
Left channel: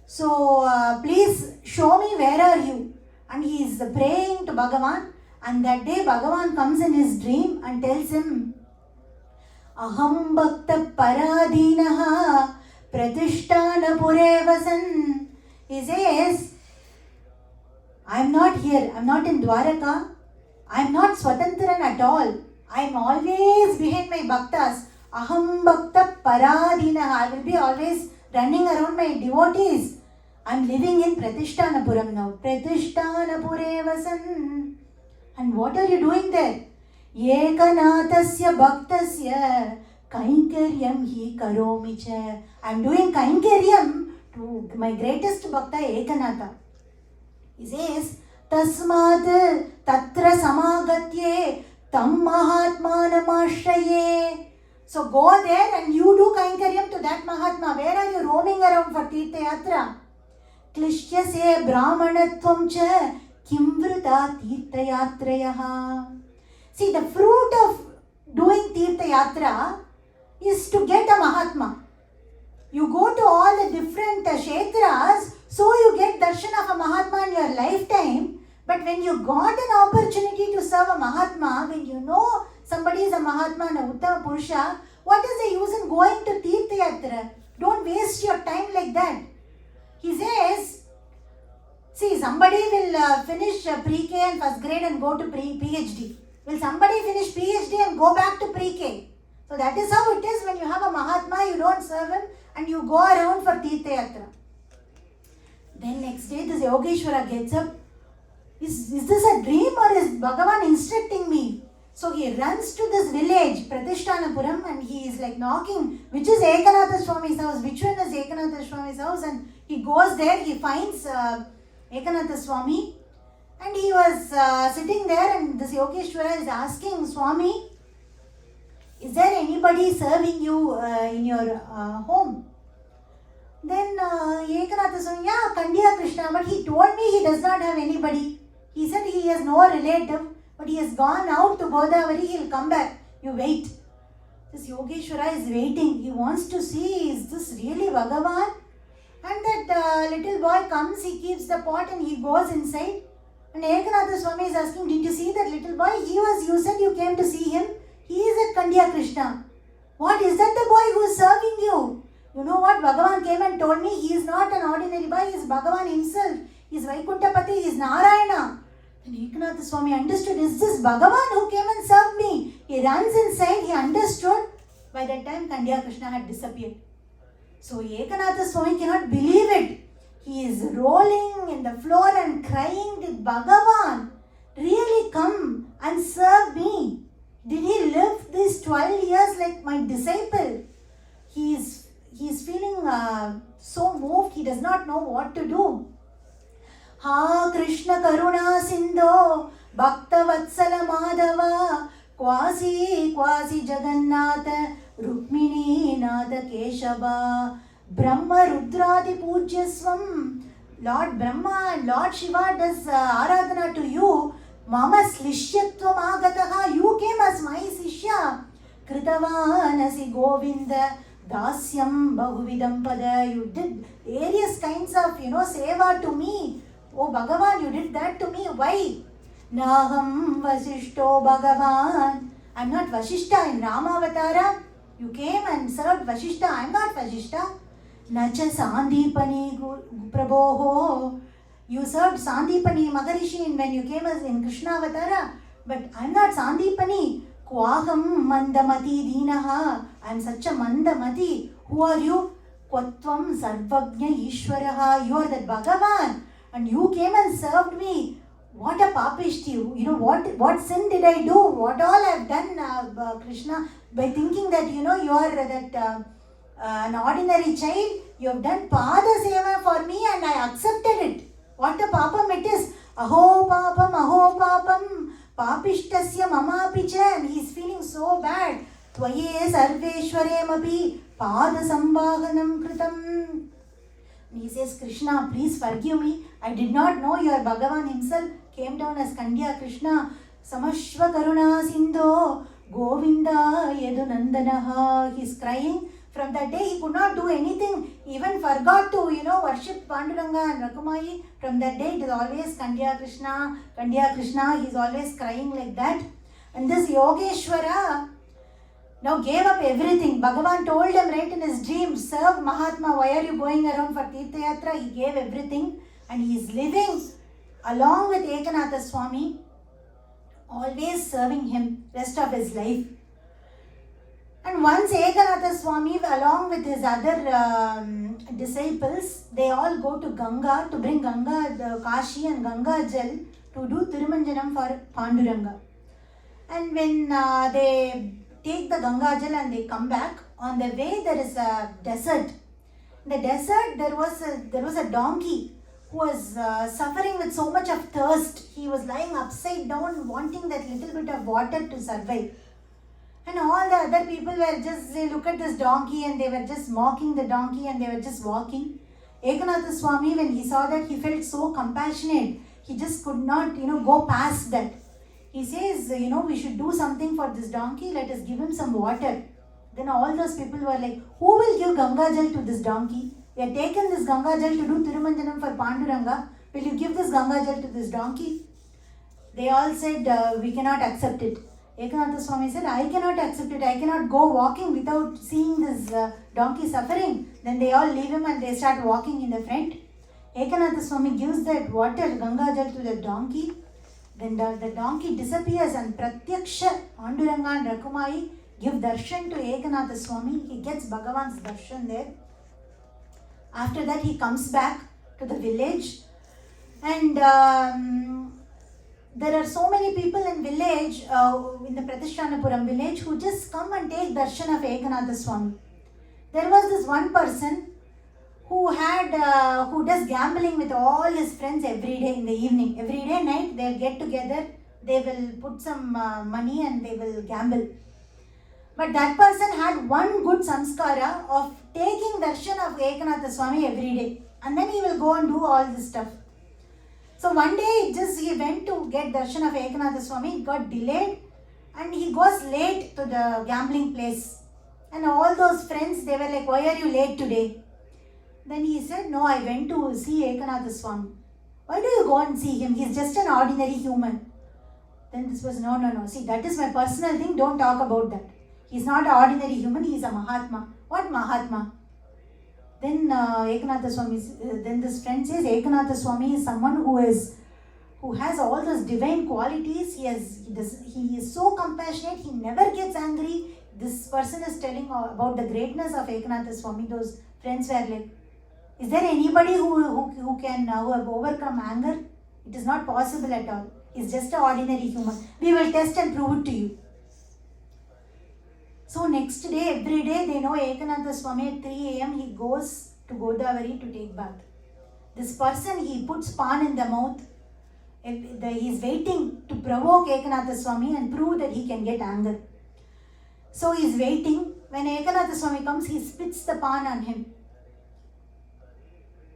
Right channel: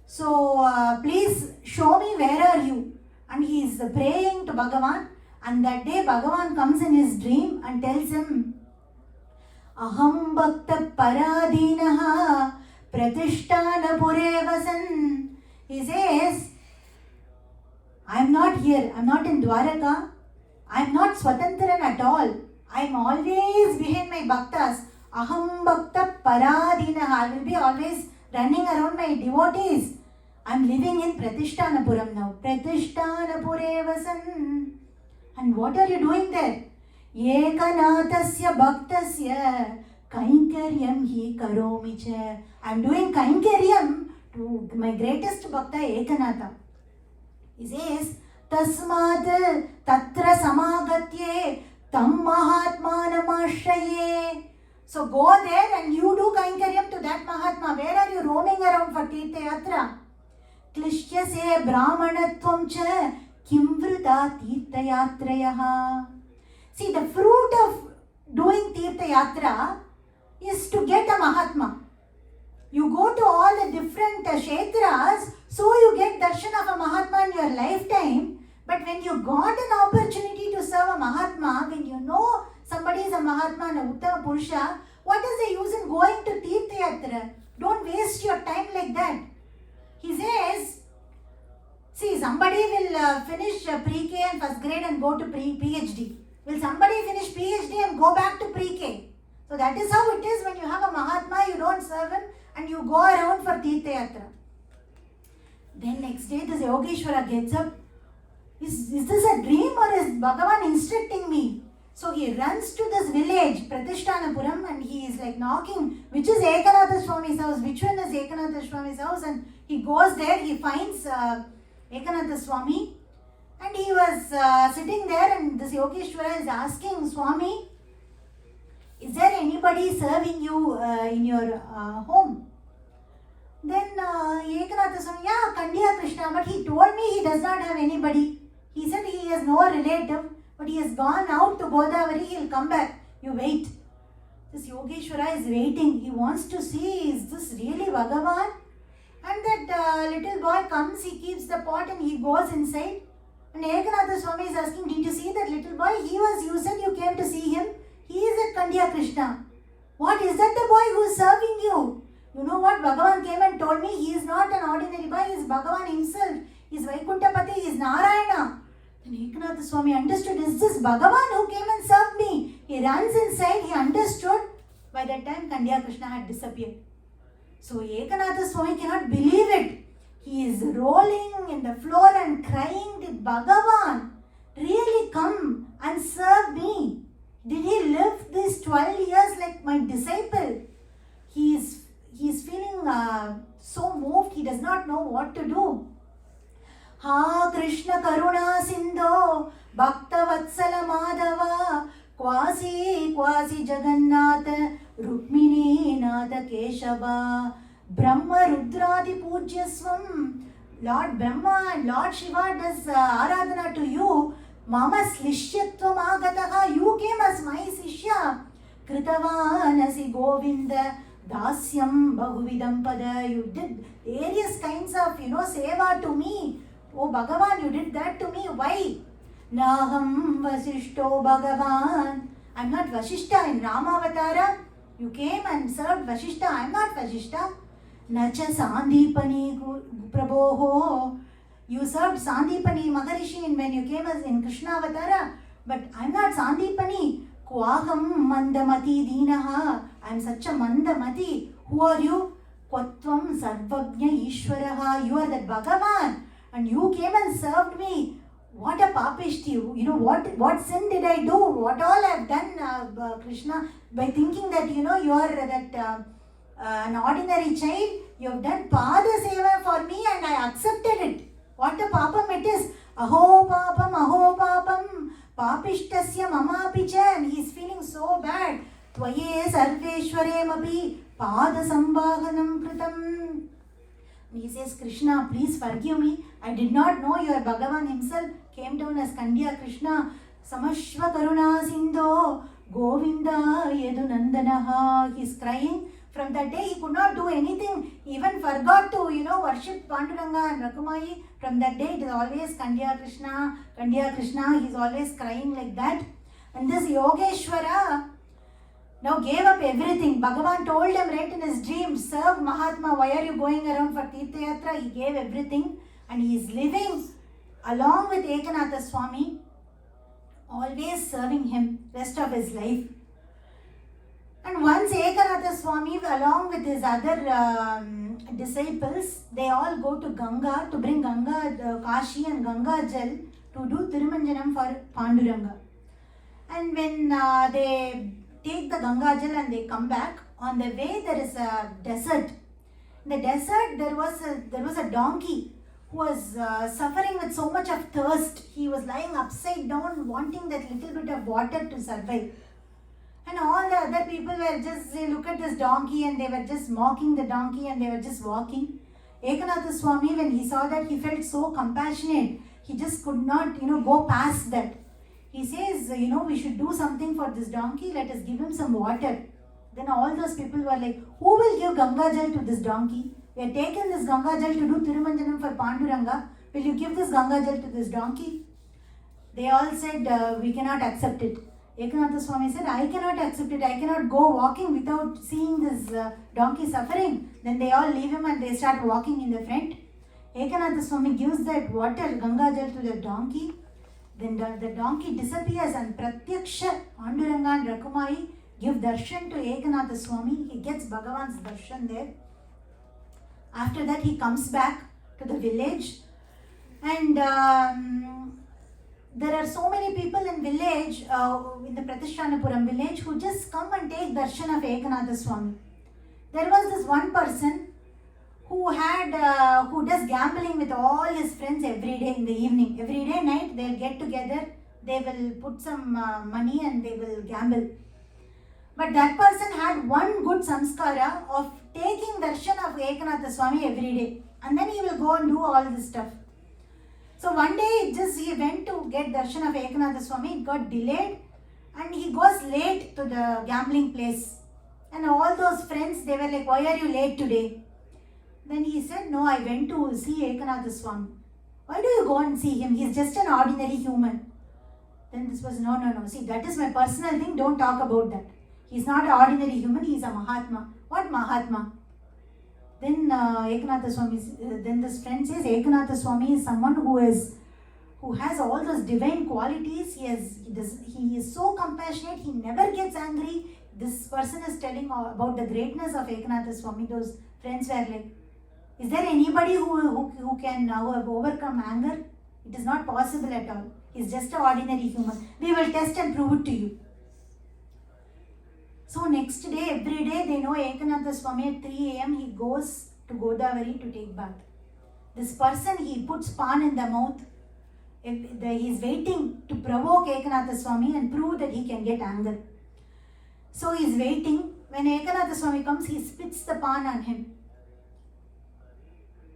So please show me where are you. And he is praying to Bhagavan. And that day Bhagavan comes in his dream and tells him, Aham Bhakta Paradinaha Pratishtana Pure Vasan. He says, I am not here. I am not in Dwaraka. I am not Swatantran at all. I am always behind my bhaktas. Aham Bhakta Paradinaha. I will be always running around my devotees. I am living in Pratishthanapuram now. Pratishthanapuram Vasan. And what are you doing there? Ekanathasya Bhaktasya Kainkaryam hi karomi cha. I am doing Kainkaryam to my greatest Bhakta Ekanatha. He says, Tasmad Tatra Samagatye Tam Mahatmanam Ashraye. So go there and you do Kainkaryam to that Mahatma. Where are you roaming around for Tirtha Yatra? Klishyase Brahmanatvam cha Kimvrita Tirtha Yatrayaha. See, the fruit of doing Tirtha Yatra is to get a Mahatma. You go to all the different Kshetras, so you get darshan of a Mahatma in your lifetime. But when you got an opportunity to serve a Mahatma, when you know somebody is a Mahatma and a Uttama Purusha, what is the use in going to Tirtha Yatra? Don't waste your time like that. He says, see, somebody will finish pre-K and first grade and go to PhD. Will somebody finish PhD and go back to pre-K? So that is how it is when you have a Mahatma, you don't serve him and you go around for Tirtha Yatra. Then next day this Yogeshwara gets up. Is this a dream or is Bhagavan instructing me? So he runs to this village, Pratishthanapuram, and he is like knocking, which is Ekanath Swami's house, which one is Ekanath Swami's house? And he goes there, he finds Ekanath Swami, and he was sitting there, and this Yogeshwara is asking Swami, is there anybody serving you in your home? Then Ekanath Swami, yeah, Kandiya Krishna, but he told me he does not have anybody. He said he has no relative, but he has gone out to Godavari, he will come back. You wait. This Yogeshwara is waiting. He wants to see, is this really Bhagavan? And that little boy comes, he keeps the pot and he goes inside. And Ekanath Swami is asking, did you see that little boy? You said you came to see him. He is at Kandiya Krishna. What, is that the boy who is serving you? You know what? Bhagavan came and told me he is not an ordinary boy, he is Bhagavan himself. He is Vaikuntapati, he is Narayana. Then Ekanath Swami understood, is this Bhagavan who came and served me? He runs inside, he understood. By that time, Kandiya Krishna had disappeared. So Ekanath Swami cannot believe it. He is rolling in the floor and crying, did Bhagavan really come and serve me? Did he live these 12 years like my disciple? He is feeling so moved, he does not know what to do. Ha Krishna Karuna Sindho Bhakta Vatsala Madhava Kwasi Jagannatha Rukmini Nada Keshava Brahma Rudradi Pujyasvam. Lord Brahma and Lord Shiva does Aradhana to you. Mama Slishyatvam Agataha, you came as my Sishya. Kritavanasi Govinda Dasyam Bahuvidam Pada. You did various kinds of, seva to me. Oh Bhagavan, you did that to me. Why? Naham Vasishto Bhagavan. I'm not Vasishta in Ramavatara. You came and served Vasishta. I'm not Vasishta. Nacha Sandipani Prabhoho. You served Sandipani Maharishi when you came as in Krishna Avatara. But I'm not Sandipani. Kwaham Mandamati Dinaha. I'm such a Mandamati. Who are you? Kwatvam Sarvagnya Ishwaraha. You are that Bhagavan. And you came and served me. What a papishti. What sin did I do? What all I have done, Krishna? By thinking that, you are that an ordinary child. You have done Pada Seva for me and I accepted it. What a papam it is. Aho papam, papishtasya mamapicha. And he is feeling so bad. Tvaye sarveshware mapi pada sambahanam kritam. And he says, Krishna, please forgive me. I did not know your Bhagavan himself came down as Kandiya Krishna. Samashva Karuna Sindho Govinda Yadunandanaha. He is crying. From that day, he could not do anything. He even forgot to, worship Panduranga and Rakumayi. From that day, it is always Kandiya Krishna, Kandiya Krishna. He is always crying like that. And this Yogeshwara now gave up everything. Bhagavan told him right in his dream, serve Mahatma, why are you going around for Tirtha Yatra? He gave everything and he is living along with Ekanath Swami, always serving him rest of his life. And once Ekanath Swami along with his other disciples, they all go to Ganga to bring Ganga, Kashi and Ganga Jal to do Tirumanjanam for Panduranga. And when they take the Ganga Jal and they come back, on the way there is a desert. In the desert there was a donkey who was suffering with so much of thirst. He was lying upside down wanting that little bit of water to survive. And all the other people they look at this donkey and they were just mocking the donkey and they were just walking. Ekanath Swami, when he saw that, he felt so compassionate. He just could not, go past that. he says, we should do something for this donkey, let us give him some water. Then all those people were like, who will give Ganga Jal to this donkey? We have taken this Ganga Jal to do Tirumanjanam for Panduranga. Will you give this Ganga Jal to this donkey? They all said, we cannot accept it. Ekanath Swami said, I cannot accept it. I cannot go walking without seeing this donkey suffering. Then they all leave him and they start walking in the front. Ekanath Swami gives that water, Ganga Jal, to the donkey. Then the donkey disappears and Pratyaksha, Panduranga and Rakumai give darshan to Ekanath Swami. He gets Bhagavan's darshan there. After that he comes back to the village, and there are so many people in village, in the Pratishthanapuram village, who just come and take darshan of Ekanath Swami. There was this one person who does gambling with all his friends every day in the evening. Every day night they'll get together, they will put some money and they will gamble. But that person had one good samskara of taking darshan of Ekanath Swami every day, and then he will go and do all this stuff. So one day he went to get darshan of Ekanath Swami, it got delayed, and he goes late to the gambling place. And all those friends, they were like, why are you late today? Then he said, no, I went to see Ekanath Swami. Why do you go and see him? He's just an ordinary human. Then this was, no. See, that is my personal thing. Don't talk about that. He's not an ordinary human. He's a Mahatma. What Mahatma? Then Ekanath Swami, then this friend says, Ekanath Swami is someone who has all those divine qualities. He is so compassionate. He never gets angry. This person is telling about the greatness of Ekanath Swami. Those friends were like, is there anybody who can now overcome anger? It is not possible at all. He's just an ordinary human. We will test and prove it to you. So next day, every day, they know Ekanath Swami at 3 a.m. he goes to Godavari to take bath. This person, he puts pan in the mouth. He is waiting to provoke Ekanath Swami and prove that he can get anger. So he is waiting. When Ekanath Swami comes, he spits the pan on him.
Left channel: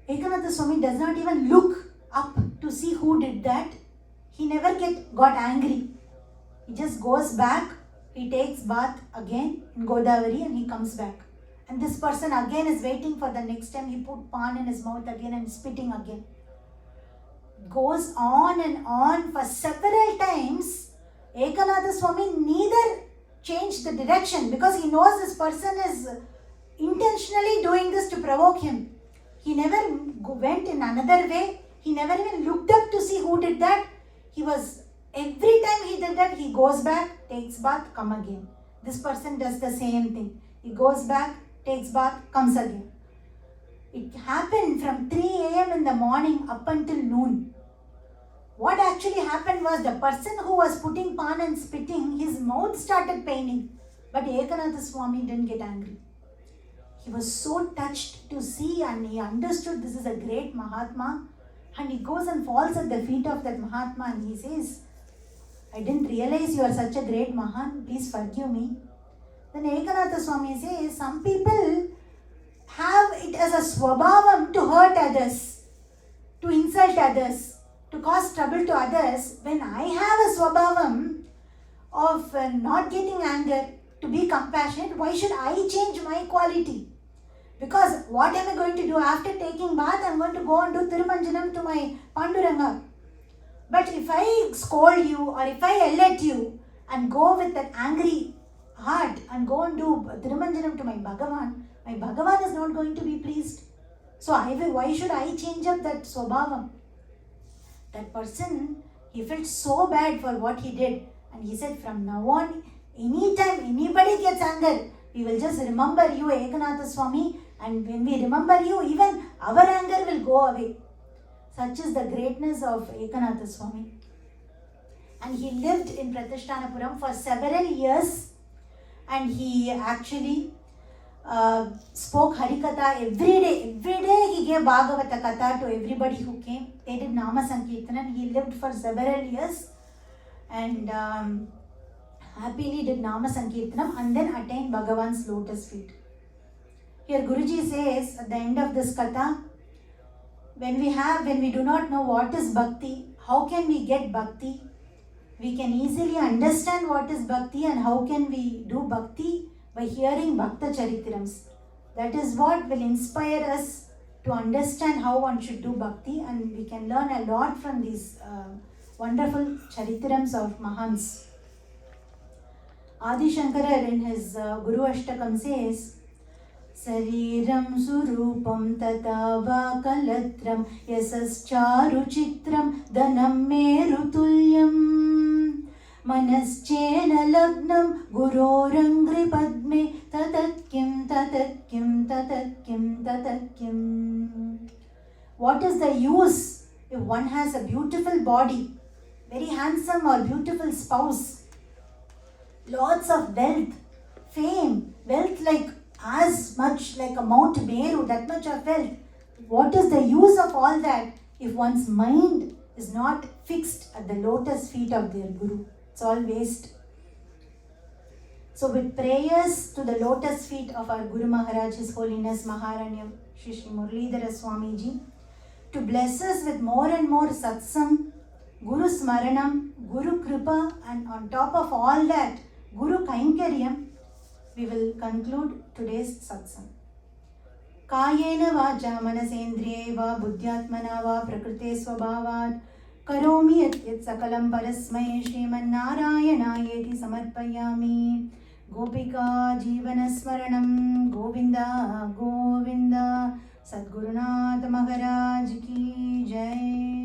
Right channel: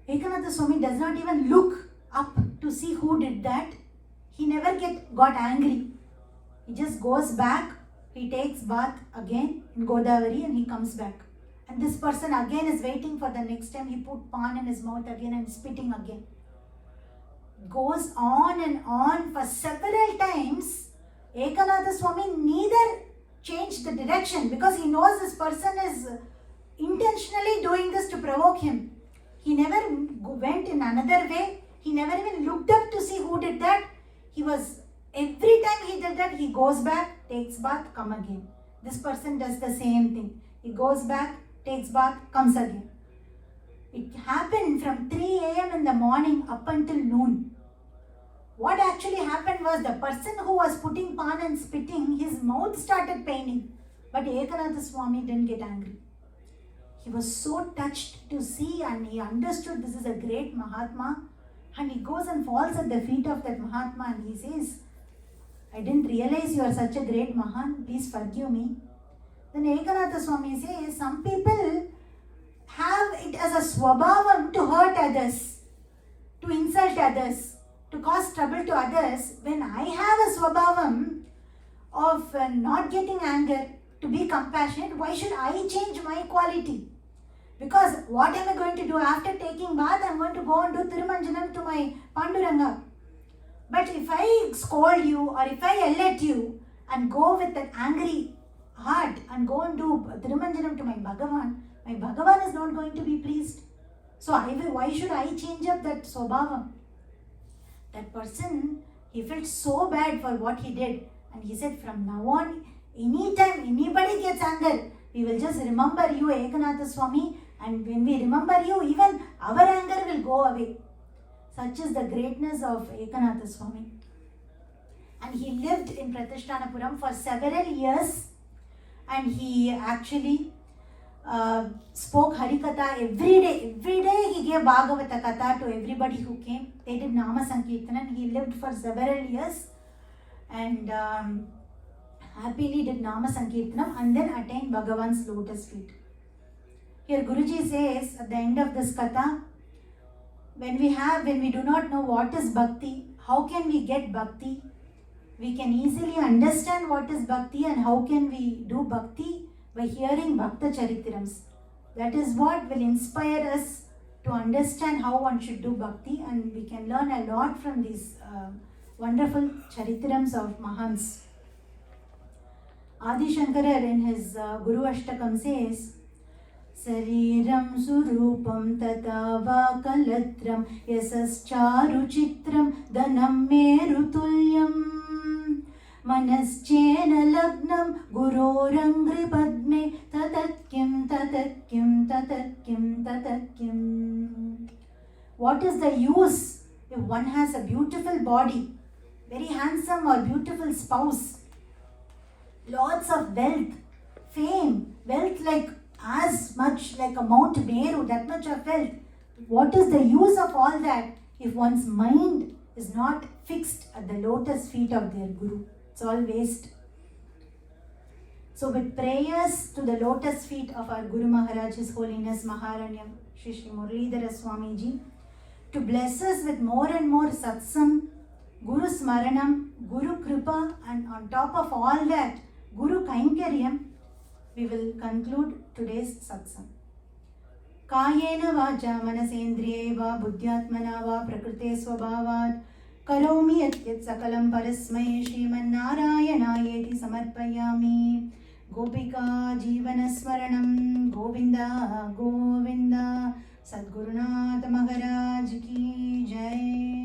Ekanath Swami does not even look up to see who did that. He never got angry. He just goes back. He takes bath again in Godavari and he comes back. And this person again is waiting for the next time. He put pan in his mouth again and spitting again. Goes on and on for several times. Ekanath Swami neither changed the direction because he knows this person is intentionally doing this to provoke him. He never went in another way. He never even looked up to see who did that. Every time he did that, he goes back, takes bath, come again. This person does the same thing. He goes back, takes bath, comes again. It happened from 3 a.m. in the morning up until noon. What actually happened was the person who was putting pan and spitting, his mouth started paining. But Ekanath Swami didn't get angry. He was so touched to see and he understood this is a great Mahatma. And he goes and falls at the feet of that Mahatma and he says, I didn't realize you are such a great Mahan, please forgive me. Then Ekanath Swami says, some people have it as a swabhavam to hurt others, to insult others, to cause trouble to others. When I have a swabhavam of not getting anger, to be compassionate, why should I change my quality? Because what am I going to do after taking bath? I am going to go and do Tirumanjanam to my Panduranga. But if I scold you or if I yell at you and go with that angry heart and go and do Tirumanjanam to my Bhagavan is not going to be pleased. So why should I change up that Swabhavam? That person, he felt so bad for what he did. And he said, from now on, anytime anybody gets anger, we will just remember you, Ekanath Swami. And when we remember you, even our anger will go away. Such is the greatness of Ekanath Swami. And he lived in Pratishthanapuram for several years. And he actually spoke Harikatha every day. Every day he gave Bhagavata Katha to everybody who came. They did Nama Sankirtana. He lived for several years. And happily did Nama Sankirtanam and then attained Bhagavan's lotus feet. Here Guruji says at the end of this Katha, when we do not know what is Bhakti, how can we get Bhakti? we can easily understand what is bhakti and how can we do bhakti by hearing Bhakta Charitrams. That is what will inspire us to understand how one should do bhakti, and we can learn a lot from these wonderful Charitrams of Mahans. Adi Shankara in his Guru Ashtakam says, Sariram surupam tata vakalatram yasascharu chitram dhanam merutulyam manaschena lagnam gurorangri padme tatatkim tatatkim tatatkim tatatkim. What is the use if one has a beautiful body, very handsome or beautiful spouse, lots of wealth, fame, wealth like as much like a Mount Meru, that much of wealth? What is the use of all that if one's mind is not fixed at the lotus feet of their Guru? It's all waste. So with prayers to the lotus feet of our Guru Maharaj, His Holiness Maharanya Shri Shri Muralidhara Swamiji, to bless us with more and more satsang, Guru Smaranam, Guru Kripa, and on top of all that, Guru Kainkaryam, we will conclude today's satsang. Kayena vacha manasendriyeva buddhyatmana va prakrite swabhavat karomi yat sakalam parasmai Sriman-Narayana-yeti samarpayami. Gopika Jivana Smaranam Govinda Govinda. Sadgurunath Maharaj ki Jai.